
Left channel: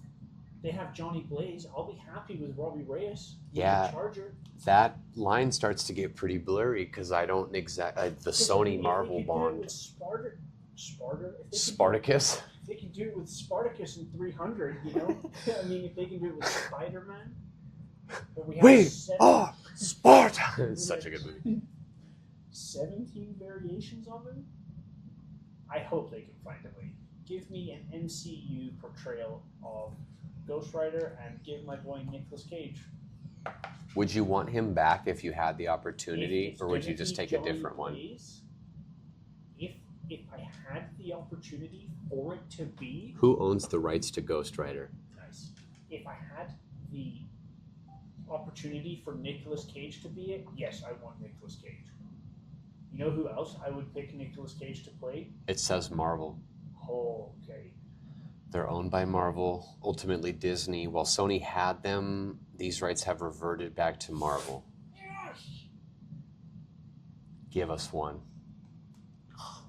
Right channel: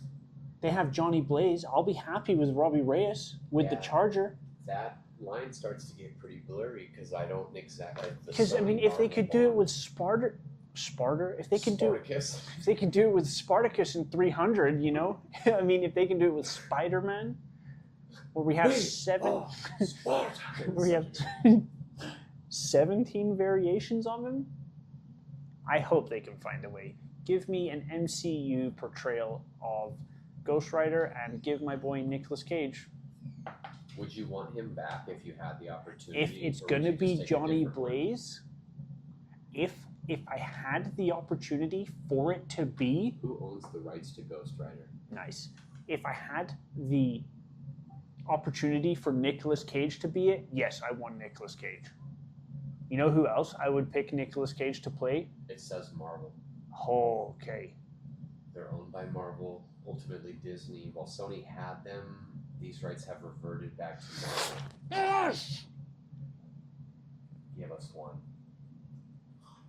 Johnny Blaze. I'll be happy with Robbie Reyes with the Charger. That line starts to get pretty blurry because I don't exactly the Sony Marvel if they could bond. do it with Spartacus, if they could do it with Spartacus in 300, you know, I mean, if they can do it with Spider-Man, where we have Sparta. we have 17 variations on them. I hope they can find a way. Give me an MCU portrayal of Ghost Rider and give my boy Nicolas Cage. Would you want him back if you had the opportunity, or would you just take a different Blaze, one? If I had the opportunity for it to be... Who owns the rights to Ghost Rider? Nice. If I had the opportunity for Nicolas Cage to be it, yes, I want Nicolas Cage. You know who else I would pick Nicolas Cage to play? It says Marvel. Oh, okay. They're owned by Marvel, ultimately Disney. While Sony had them, these rights have reverted back to Marvel. Yes! Give us one.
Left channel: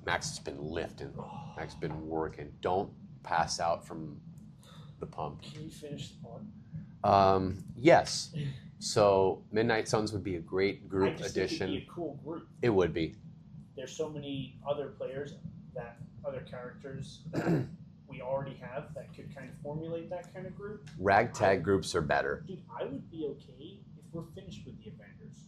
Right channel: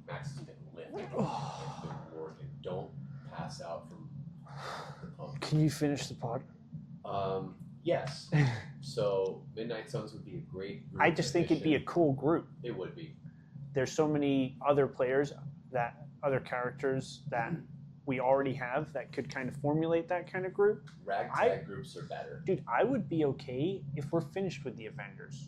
Max has been lifting. Max has been working. Don't pass out from the pump. Can you finish the pod? Yes. So Midnight Suns would be a great group I just think it'd be a cool group. It would be. There's so many other players, other characters that we already have that could kind of formulate that kind of group. Ragtag groups are better. Dude, I would be okay if we're finished with the Avengers.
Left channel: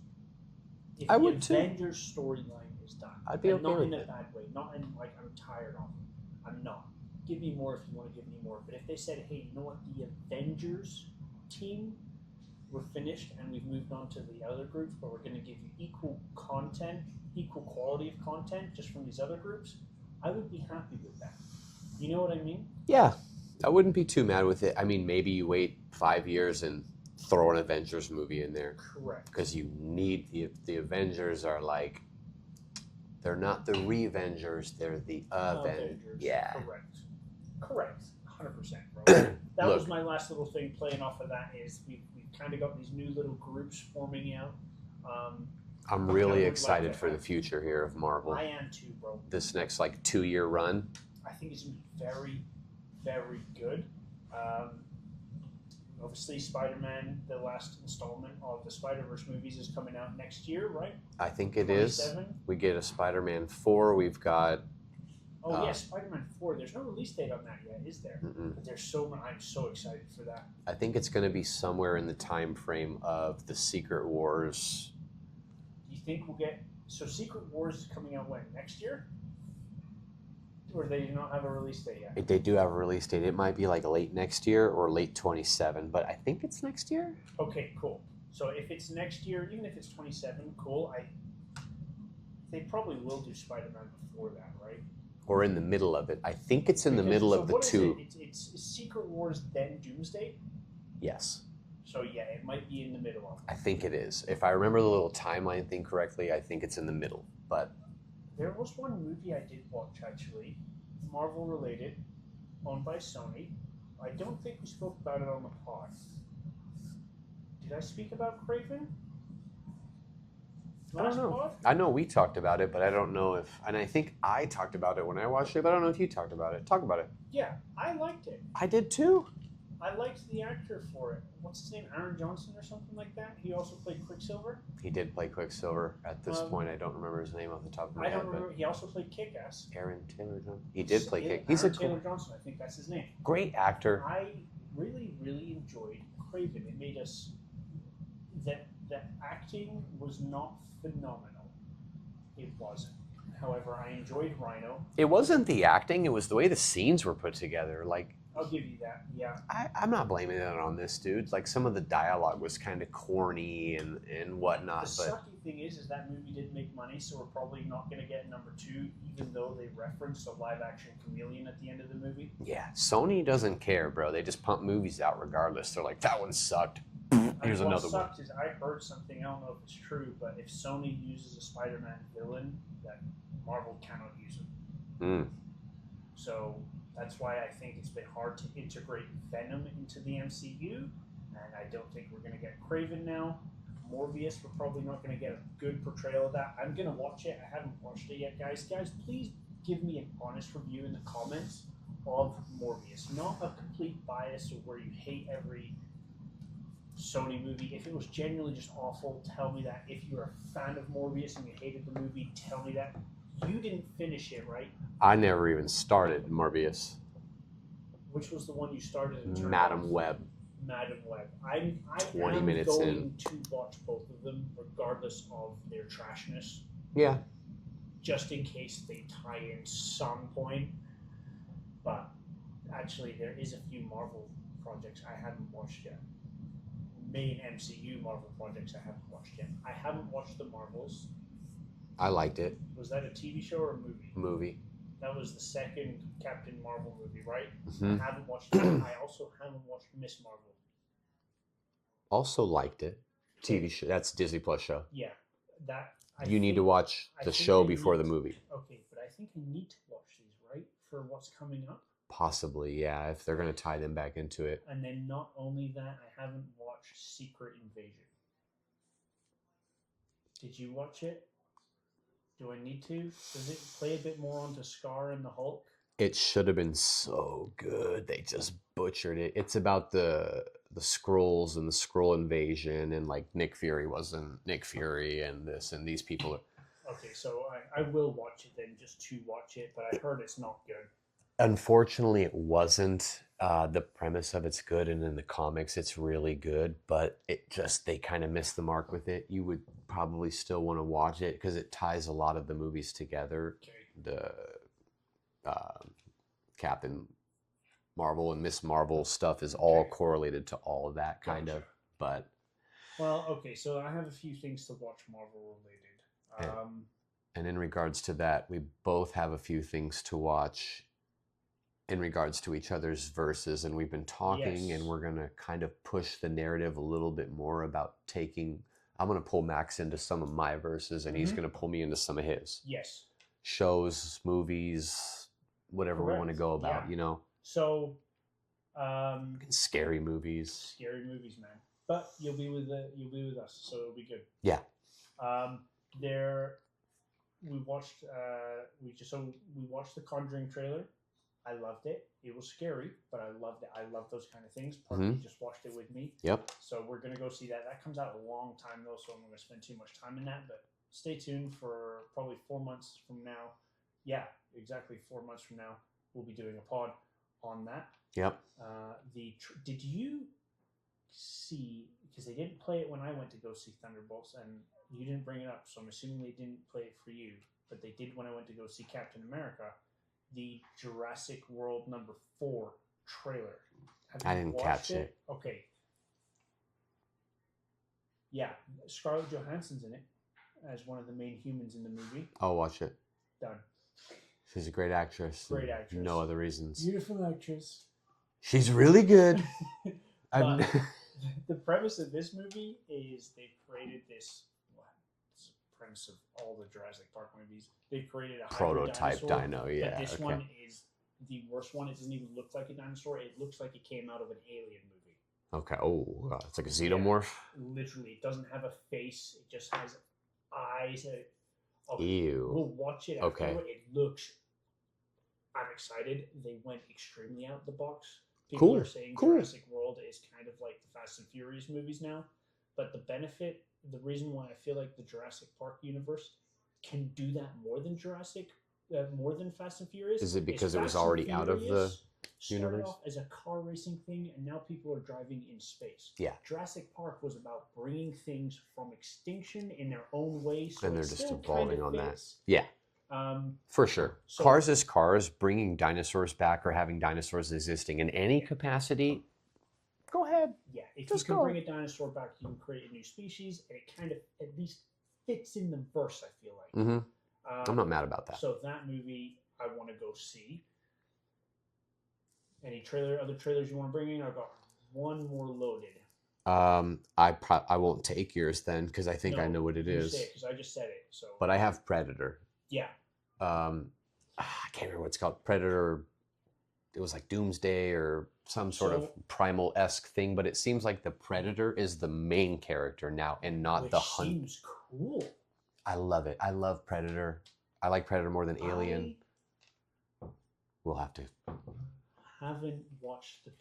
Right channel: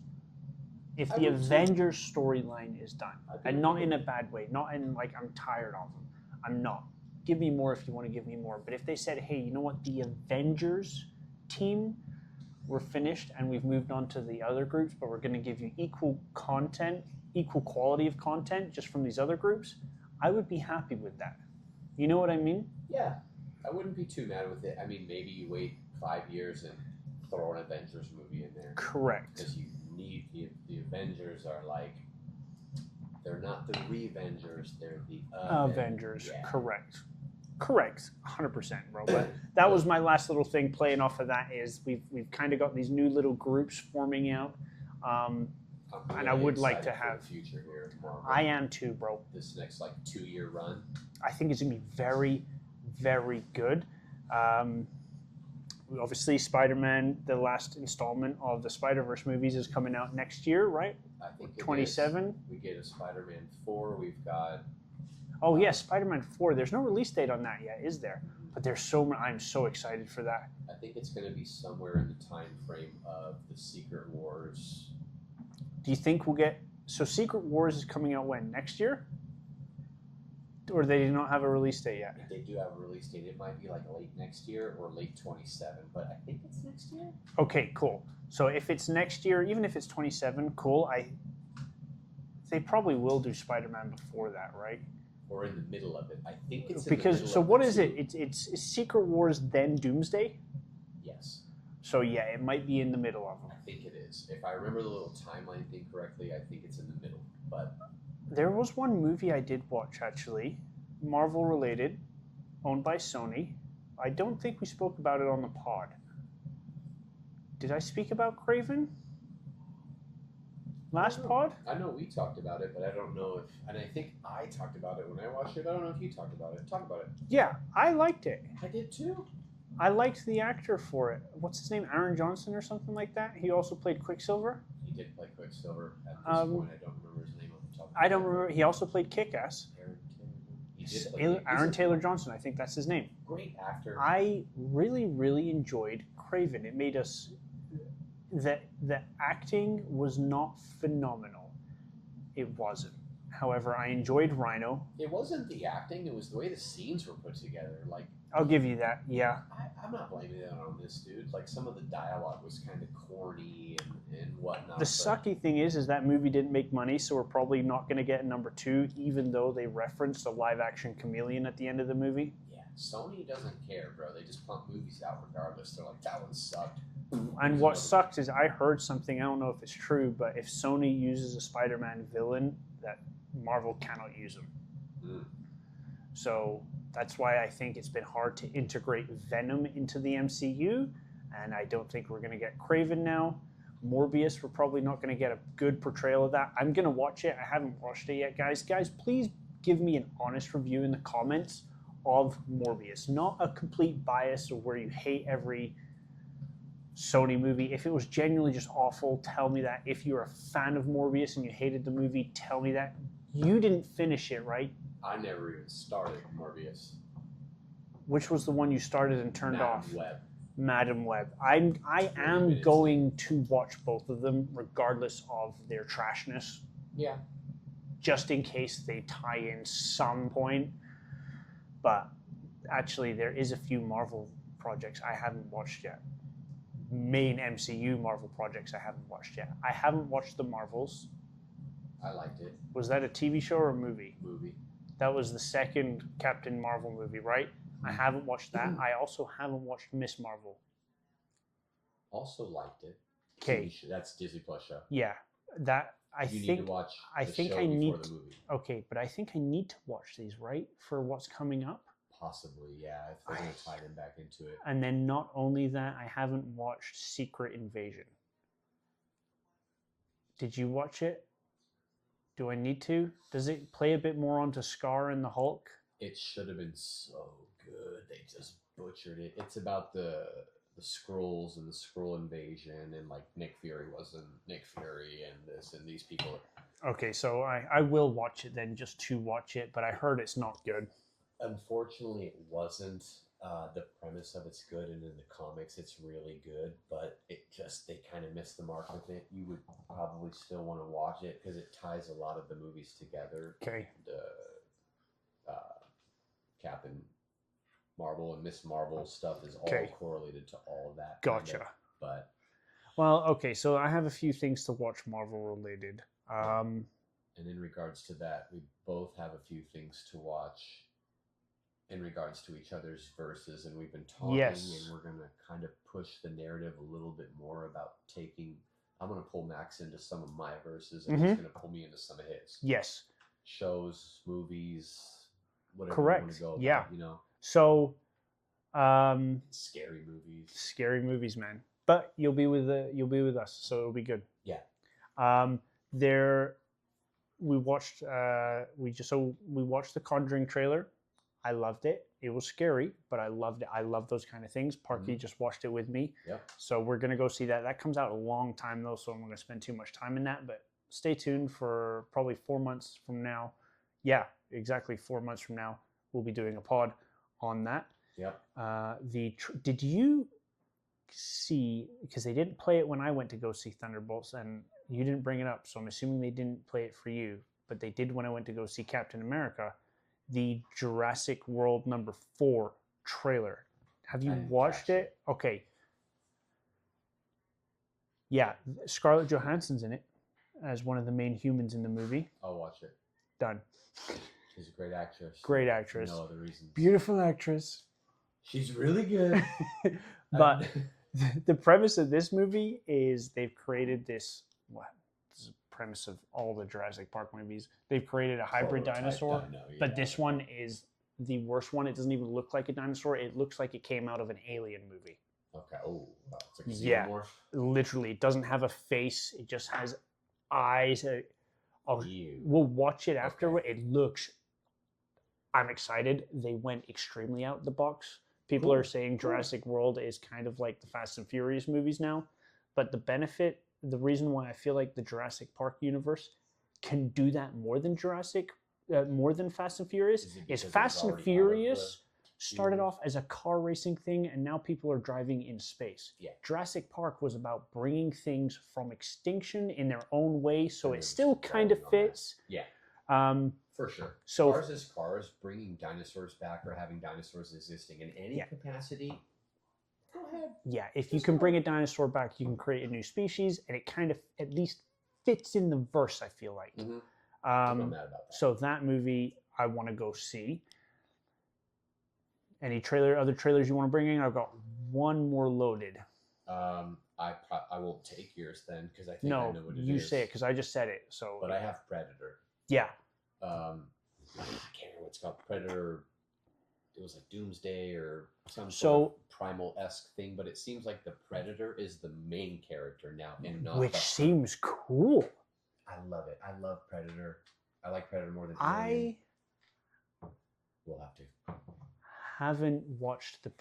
If the Avengers storyline is done. And not in a bad way. Not in like, I'm tired of them. I'm not. Give me more if you want to give me more. But if they said, hey, you know what? The Avengers team, we're finished and we've moved on to the other groups, but we're going to give you equal content, equal quality of content just from these other groups, I would be happy with that. You know what I mean? Yeah. I wouldn't be too mad with it. I mean, maybe you wait 5 years and throw an Avengers movie in there. Correct. Because you need the Avengers are like, they're not the Revengers, they're the Avengers. Yeah. Correct. 100%, bro. That was my last little thing playing off of that is we've kind of got these new little groups forming out. I'm really excited for the future here of Marvel. I am too, bro. This next 2-year run. I think it's going to be very, very good. Obviously, Spider-Man, the last installment of the Spider-Verse movies is coming out next year, right? I think it 27? is. We get a Spider-Man 4. We've got... Oh, yes, Spider-Man 4. There's no release date on that yet, is there? Mm-mm. But I'm so excited for that. I think it's going to be somewhere in the time frame of the Secret Wars. Do you think we'll get... So Secret Wars is coming out when? Next year? Or they do not have a release date yet? They do have a release date. It might be late next year or late 27, but I think it's next year. Okay, cool. So if it's next year, even if it's 27, cool. They probably will do Spider-Man before that, right? Or in the middle of it. I think it's in the middle of the two. So what is it? It's Secret Wars, then Doomsday? Yes. So yeah, it might be in the middle of them. I think it is. If I remember the little timeline thing correctly, I think it's in the middle. But there was one movie I did watch, actually, Marvel related, owned by Sony. I don't think we spoke about it on the pod. Did I speak about Kraven? Last pod? I know we talked about it, but I don't know if... And I think I talked about it when I watched it, but I don't know if you talked about it. Talk about it. Yeah, I liked it. I did too. I liked the actor for it. What's his name? Aaron Johnson or something like that? He also played Quicksilver? He did play Quicksilver. At this point, I don't remember his name off the top of my head. I don't remember. He also played Kick-Ass. Aaron Taylor Johnson. He did play Kick-Ass. Aaron Taylor Johnson, I think that's his name. Great actor. I really, really enjoyed Kraven. It made us... The acting was not phenomenal. It wasn't. However, I enjoyed Rhino. It wasn't the acting. It was the way the scenes were put together. I'll give you that. Yeah. I'm not blaming it on this dude. Like, some of the dialogue was kind of corny and whatnot. The sucky thing is that movie didn't make money, so we're probably not going to get number 2, even though they referenced a live-action chameleon at the end of the movie. Yeah, Sony doesn't care, bro. They just pump movies out regardless. They're like, that one sucked. And what sucks is I heard something, I don't know if it's true, but if Sony uses a Spider-Man villain, that Marvel cannot use him. So that's why I think it's been hard to integrate Venom into the MCU, and I don't think we're going to get Kraven now. Morbius, we're probably not going to get a good portrayal of that. I'm going to watch it. I haven't watched it yet, guys. Guys, please give me an honest review in the comments of Morbius. Not a complete bias or where you hate every Sony movie. If it was genuinely just awful, tell me that. If you're a fan of Morbius and you hated the movie, tell me that. You didn't finish it, right? I never even started Morbius. Which was the one you started and turned off? Madam Web. I am going to watch both of them regardless of their trashness. Yeah. Just in case they tie in some point. But actually, there is a few Marvel projects I haven't watched yet. Main MCU Marvel projects I haven't watched yet. I haven't watched The Marvels. I liked it. Was that a TV show or a movie? Movie. That was the second Captain Marvel movie, right? I haven't watched that. I also haven't watched Miss Marvel. Also liked it. TV show. That's Disney Plus show. Yeah. You need to watch the show before the movie. Okay, but I think I need to watch these, right? For what's coming up? Possibly, yeah, if they're going to tie them back into it. And then not only that, I haven't watched Secret Invasion. Did you watch it? Do I need to? Does it play a bit more onto Scar and the Hulk? It should have been so good. They just butchered it. It's about the Skrulls and the Skrull invasion, and like Nick Fury wasn't Nick Fury, and this and these people. Okay, so I will watch it then, just to watch it, but I heard it's not good. Unfortunately, it wasn't. The premise of it's good, and in the comics, it's really good, but they kind of missed the mark with it. You would probably still want to watch it because it ties a lot of the movies together. Okay. The Captain Marvel and Miss Marvel stuff is all correlated to all of that kind of. But well, okay, so I have a few things to watch Marvel related. And in regards to that, we both have a few things to watch in regards to each other's verses, and we've been talking, and we're going to kind of push the narrative a little bit more about I'm going to pull Max into some of my verses, and he's going to pull me into some of his. Yes. Shows, movies, whatever we want to go about, you know? So, scary movies. Scary movies, man. But you'll be with us, so it'll be good. Yeah. We watched the Conjuring trailer. I loved it. It was scary, but I loved it. I love those kind of things. Parky just watched it with me. Yep. So we're going to go see that. That comes out a long time, though, so I'm going to spend too much time in that. But stay tuned for probably 4 months from now. Yeah, exactly 4 months from now, we'll be doing a pod on that. Yep. Did you see, because they didn't play it when I went to go see Thunderbolts, and you didn't bring it up, so I'm assuming they didn't play it for you, but they did when I went to go see Captain America, the Jurassic World #4 trailer. Have you watched it? Okay. Yeah, Scarlett Johansson's in it as one of the main humans in the movie. I'll watch it. Done. She's a great actress. Great actress. No other reasons. Beautiful actress. She's really good. But the premise of this movie is they've created this is the premise of all the Jurassic Park movies. They've created a hybrid dinosaur. But this one is the worst one. It doesn't even look like a dinosaur. It looks like it came out of an Alien movie. Okay. Oh, it's like a xenomorph. Yeah, literally, it doesn't have a face. It just has eyes. Ew. We'll watch it after. Okay. It looks. I'm excited. They went extremely out the box. People are saying Jurassic World is kind of like the Fast and Furious movies now. But the reason why I feel like the Jurassic Park universe can do that more than Fast and Furious. Is it because it was already out of the started off as a car racing thing, and now people are driving in space. Yeah. Jurassic Park was about bringing things from extinction in their own way, so it still kind of fits. Yeah. For sure. So Cars is cars, bringing dinosaurs back or having dinosaurs existing in any capacity. Go ahead. Yeah, if you can bring a dinosaur back, you can create a new species, and it kind of at least fits in the verse, I feel like. Mm-hmm. I'm not mad about that. So that movie I want to go see. Any other trailers you want to bring in? I've got one more loaded. I won't take yours then because I think I know what it is. You say it because I just said it. So, but I have Predator. Yeah. I can't remember what it's called. Predator. It was like Doomsday or some sort of primal-esque thing, but it seems like the Predator is the main character now and not the Which seems cool. I love it. I love Predator. I like Predator more than Alien. We'll have to. Haven't watched the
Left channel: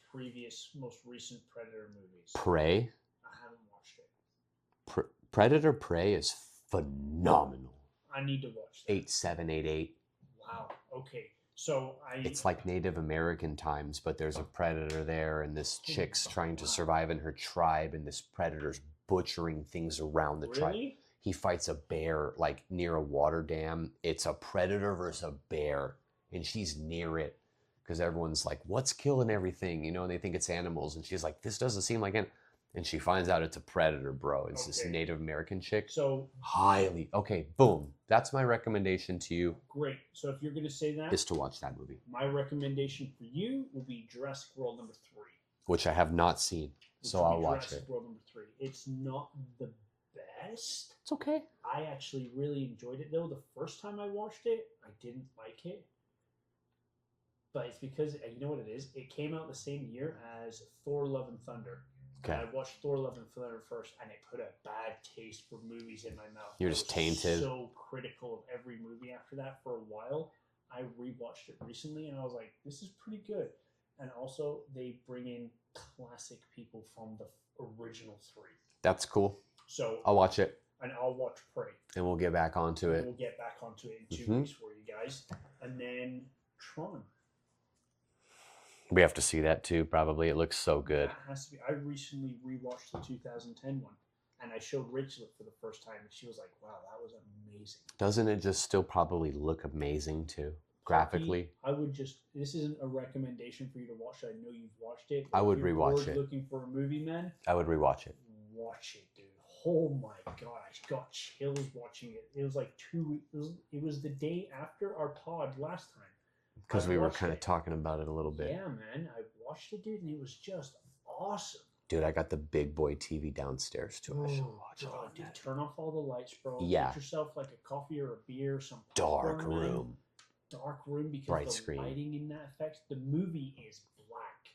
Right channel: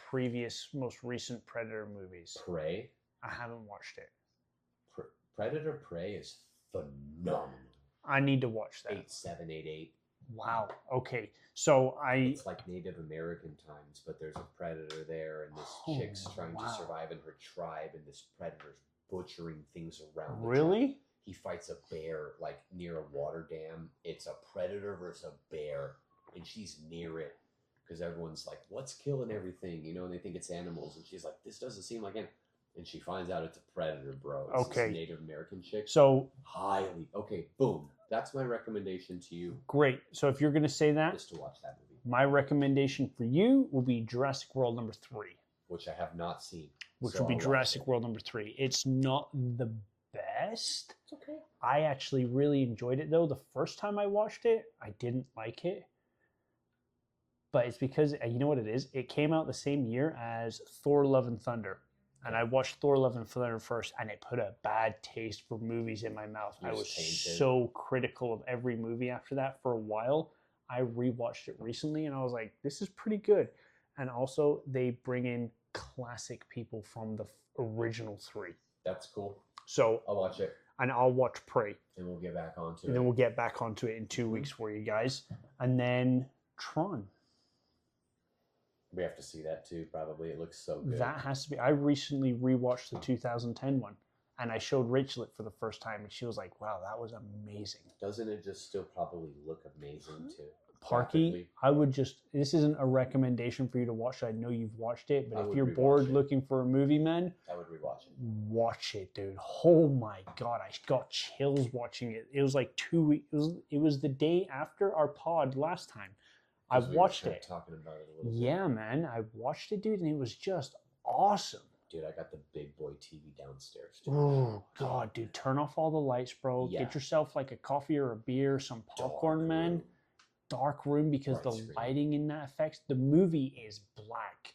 most recent Predator movies. Prey? I haven't watched it. Predator Prey is phenomenal. I need to watch that. 8788. Wow. Okay. So It's like Native American times, but there's a predator there, and this chick's trying to survive in her tribe, and this predator's butchering things around the tribe. Really? He fights a bear like near a water dam. It's a predator versus a bear, and she's near it because everyone's like, "What's killing everything?" You know, and they think it's animals, and she's like, "This doesn't seem like it." And she finds out it's a predator, bro. It's this Native American chick. So boom. That's my recommendation to you. Great. So if you're going to say that, is to watch that movie. My recommendation for you will be Jurassic World number 3, which I have not seen. Which will be Jurassic World number 3. It's not the best. It's okay. I actually really enjoyed it though. The first time I watched it, I didn't like it. But it's because you know what it is? It came out the same year as Thor: Love and Thunder. And I watched Thor: Love and Thunder first, and it put a bad taste for movies in my mouth. You're just tainted. So critical of every movie after that for a while. I rewatched it recently, and I was like, "This is pretty good." And also, they bring in classic people from the original 3. That's cool. So I'll watch it, and I'll watch Prey, and we'll get back onto it. And then we'll get back onto it in 2 weeks for you guys, and then Tron. We have to see that too, probably. It looks so good. That has to be. I recently rewatched the 2010 one, and I showed Rachel it for the first time, and she was like, wow, that was amazing. Doesn't it just still probably look amazing too? Graphically? I would just, this isn't a recommendation for you to watch. I know you've watched it, but if you're bored looking for a movie, man, I would rewatch it. Watch it, dude. Oh my God, I got chills watching it. It was like 2 weeks. It was the day after our pod last time. Because we were kind of talking about it a little bit. Yeah, man. I watched it, dude, and it was just awesome. Dude, I got the big boy TV downstairs too. Oh, God, dude. Turn off all the lights, bro. Yeah. Get yourself like a coffee or a beer, some popcorn, man. Dark room, because Bright the screen. lighting in that affects. The movie is black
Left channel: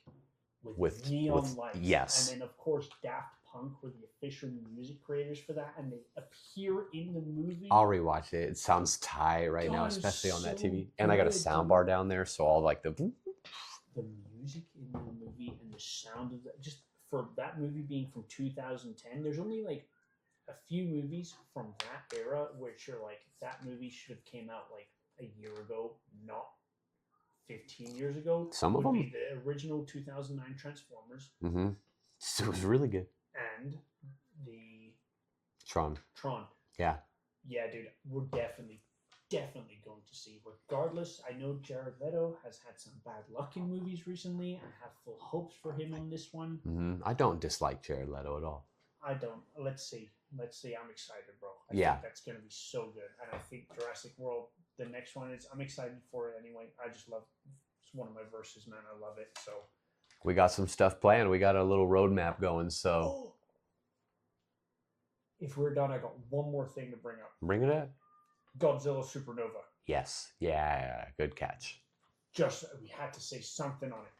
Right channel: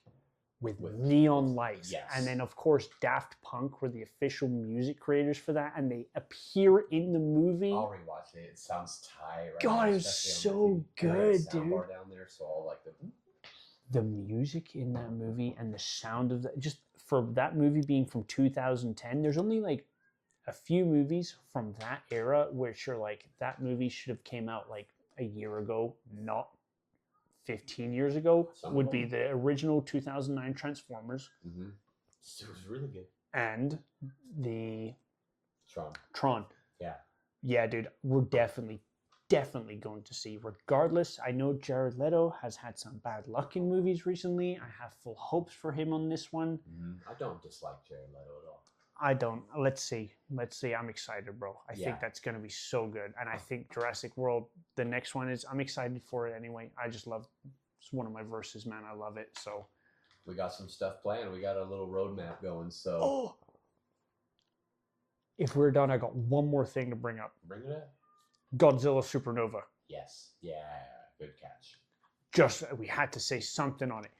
with neon lights. Yes. And then, of course, Daft Punk were the official music creators for that, and they appear in the movie. I'll rewatch it. It sounds tight right now, especially on that TV. Good, and I got a sound bar down there, so I'll like the music in that movie and the sound of that. Just for that movie being from 2010, there's only like a few movies from that era which are like, that movie should have came out like a year ago, not 15 years ago. Some would of them be the original 2009 Transformers. Mm-hmm. So it was really good. And the Tron. Yeah. Yeah, dude. We're definitely going to see. Regardless, I know Jared Leto has had some bad luck in movies recently. I have full hopes for him on this one. Mm-hmm. I don't dislike Jared Leto at all. I don't. Let's see. I'm excited, bro. I think that's going to be so good. And I think Jurassic World, the next one I'm excited for it anyway. I just love, it's one of my verses, man. I love it. So we got some stuff planned. We got a little roadmap going. So if we're done, I got one more thing to bring up. Bring it up. Godzilla Supernova. Yes. Yeah. Good catch. We had to say something on it.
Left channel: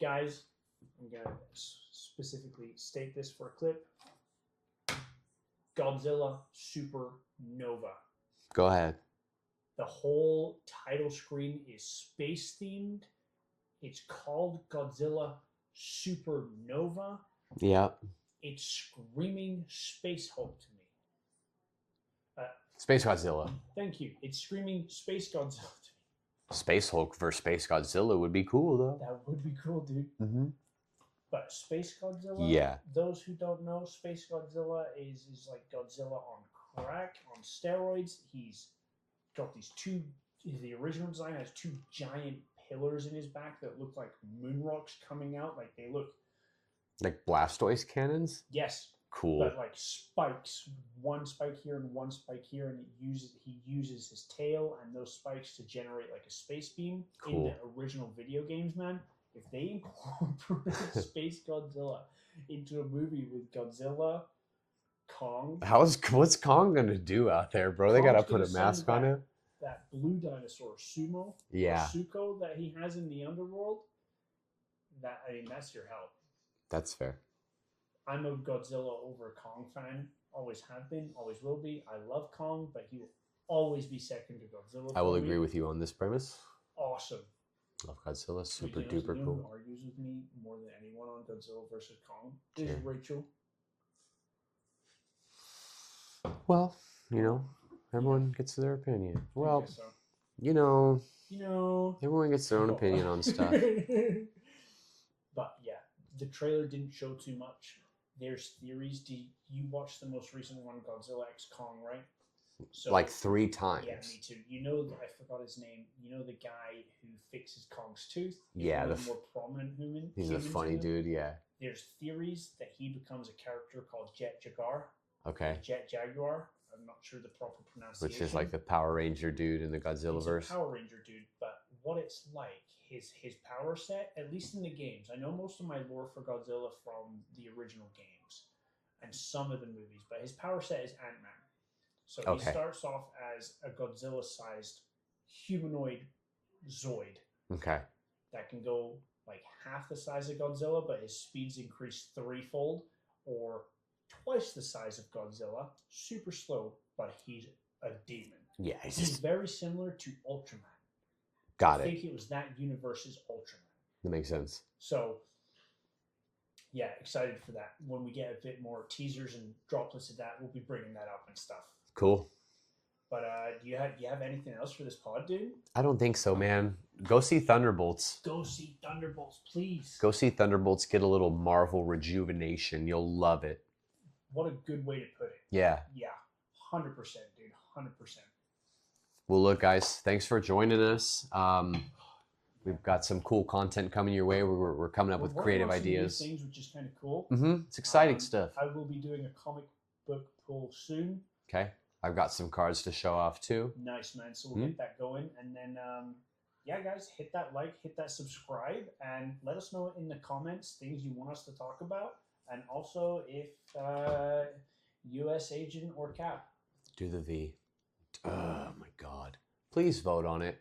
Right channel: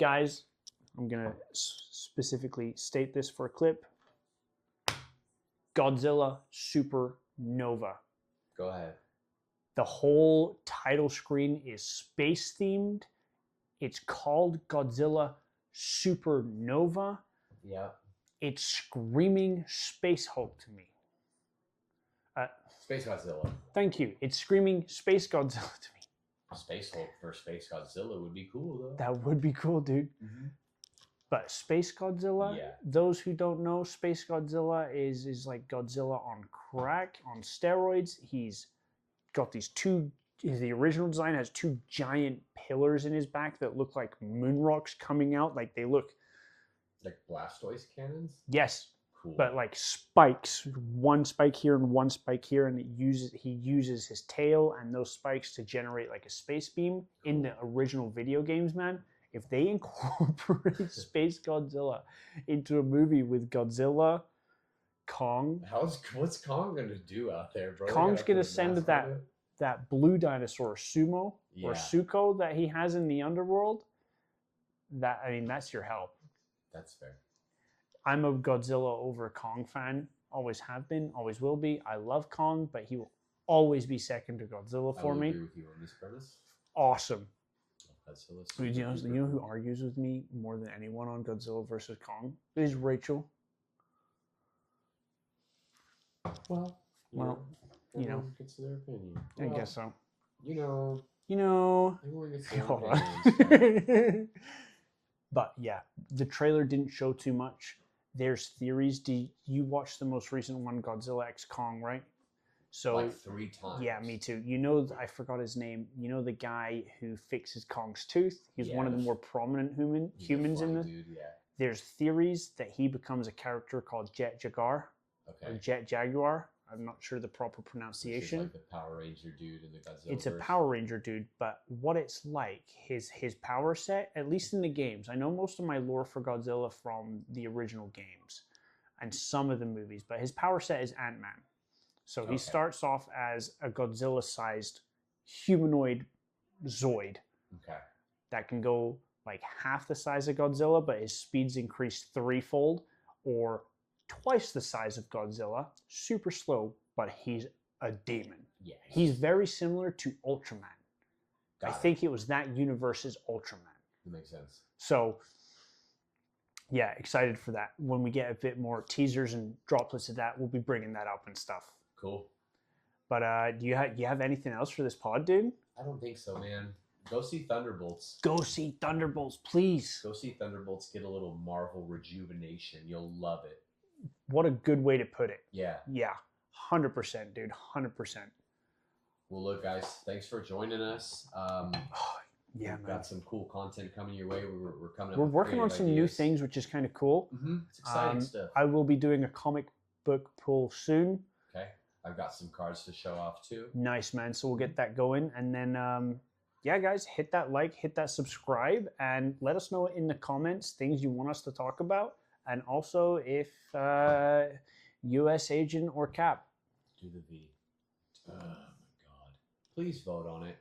Guys, I'm going to specifically state this for a clip. Godzilla Supernova. Go ahead. The whole title screen is space themed. It's called Godzilla Supernova. Yeah. It's screaming Space Hulk to me. Space Godzilla. Thank you. It's screaming Space Godzilla to me. Space Hulk versus Space Godzilla would be cool, though. That would be cool, dude. Mm-hmm. But Space Godzilla, yeah. Those who don't know, Space Godzilla is like Godzilla on crack, on steroids. He's got these two. The original design has two giant pillars in his back that look like moon rocks coming out. Like they look like Blastoise cannons. Yes, Cool. but like spikes, one spike here and one spike here, and he uses his tail and those spikes to generate like a space beam. Cool. In the original video games, man. If they incorporate Space Godzilla into a movie with Godzilla, Kong, What's Kong gonna do out there, bro? Kong's They gotta gonna put a mask send on him. that blue dinosaur Sumo or Yeah. Suko that he has in the underworld. That's your hell. That's fair. I'm a Godzilla over Kong fan. Always have been, always will be. I love Kong, but he will always be second to Godzilla for me. I will agree with you on this premise. Awesome. Love Godzilla. So you know who argues with me more than anyone on Godzilla versus Kong? Is Rachel. Well, you know, everyone gets their opinion. Well, I guess so. You know, everyone gets their own opinion on stuff. But yeah, the trailer didn't show too much. There's theories. Do you watch the most recent one, Godzilla X Kong, right? So like 3 times. Yeah, me too. You know, I forgot his name. You know the guy who fixes Kong's tooth? He's one of the more prominent humans. He's a funny dude, yeah. There's theories that he becomes a character called Jet Jaguar. Okay. Jet Jaguar. I'm not sure the proper pronunciation. Which is like the Power Ranger dude in the Godzilla It's verse. a Power Ranger dude, but what it's like, his power set, at least in the games. I know most of my lore for Godzilla from the original games and some of the movies, but his power set is Ant-Man. So he starts off as a Godzilla-sized humanoid Zoid. Okay. That can go like half the size of Godzilla, but his speed's increased 3-fold, or twice the size of Godzilla, super slow, but he's a demon. Yeah. He's very similar to Ultraman. I think it was that universe's Ultraman. That makes sense. So, yeah, excited for that. When we get a bit more teasers and droplets of that, we'll be bringing that up and stuff. Cool. But do you have anything else for this pod, dude? I don't think so, man. Go see Thunderbolts. Go see Thunderbolts, please. Go see Thunderbolts. Get a little Marvel rejuvenation. You'll love it. What a good way to put it. Yeah. Yeah. 100%, dude. 100%. Well, look, guys, thanks for joining us. We've got some cool content coming your way. We're coming up with creative working on some new things, which is kind of cool. Mm-hmm. It's exciting stuff. I will be doing a comic book pull soon. Okay. I've got some cards to show off too. Nice, man. So we'll get that going. And then, yeah, guys, hit that like, hit that subscribe, and let us know in the comments things you want us to talk about. And also if US Agent or Cap. Do the V. Oh, my God. Please vote on it.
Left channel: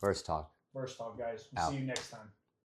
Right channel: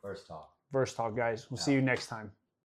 Verse Talk. Verse Talk, guys. We'll see you next time.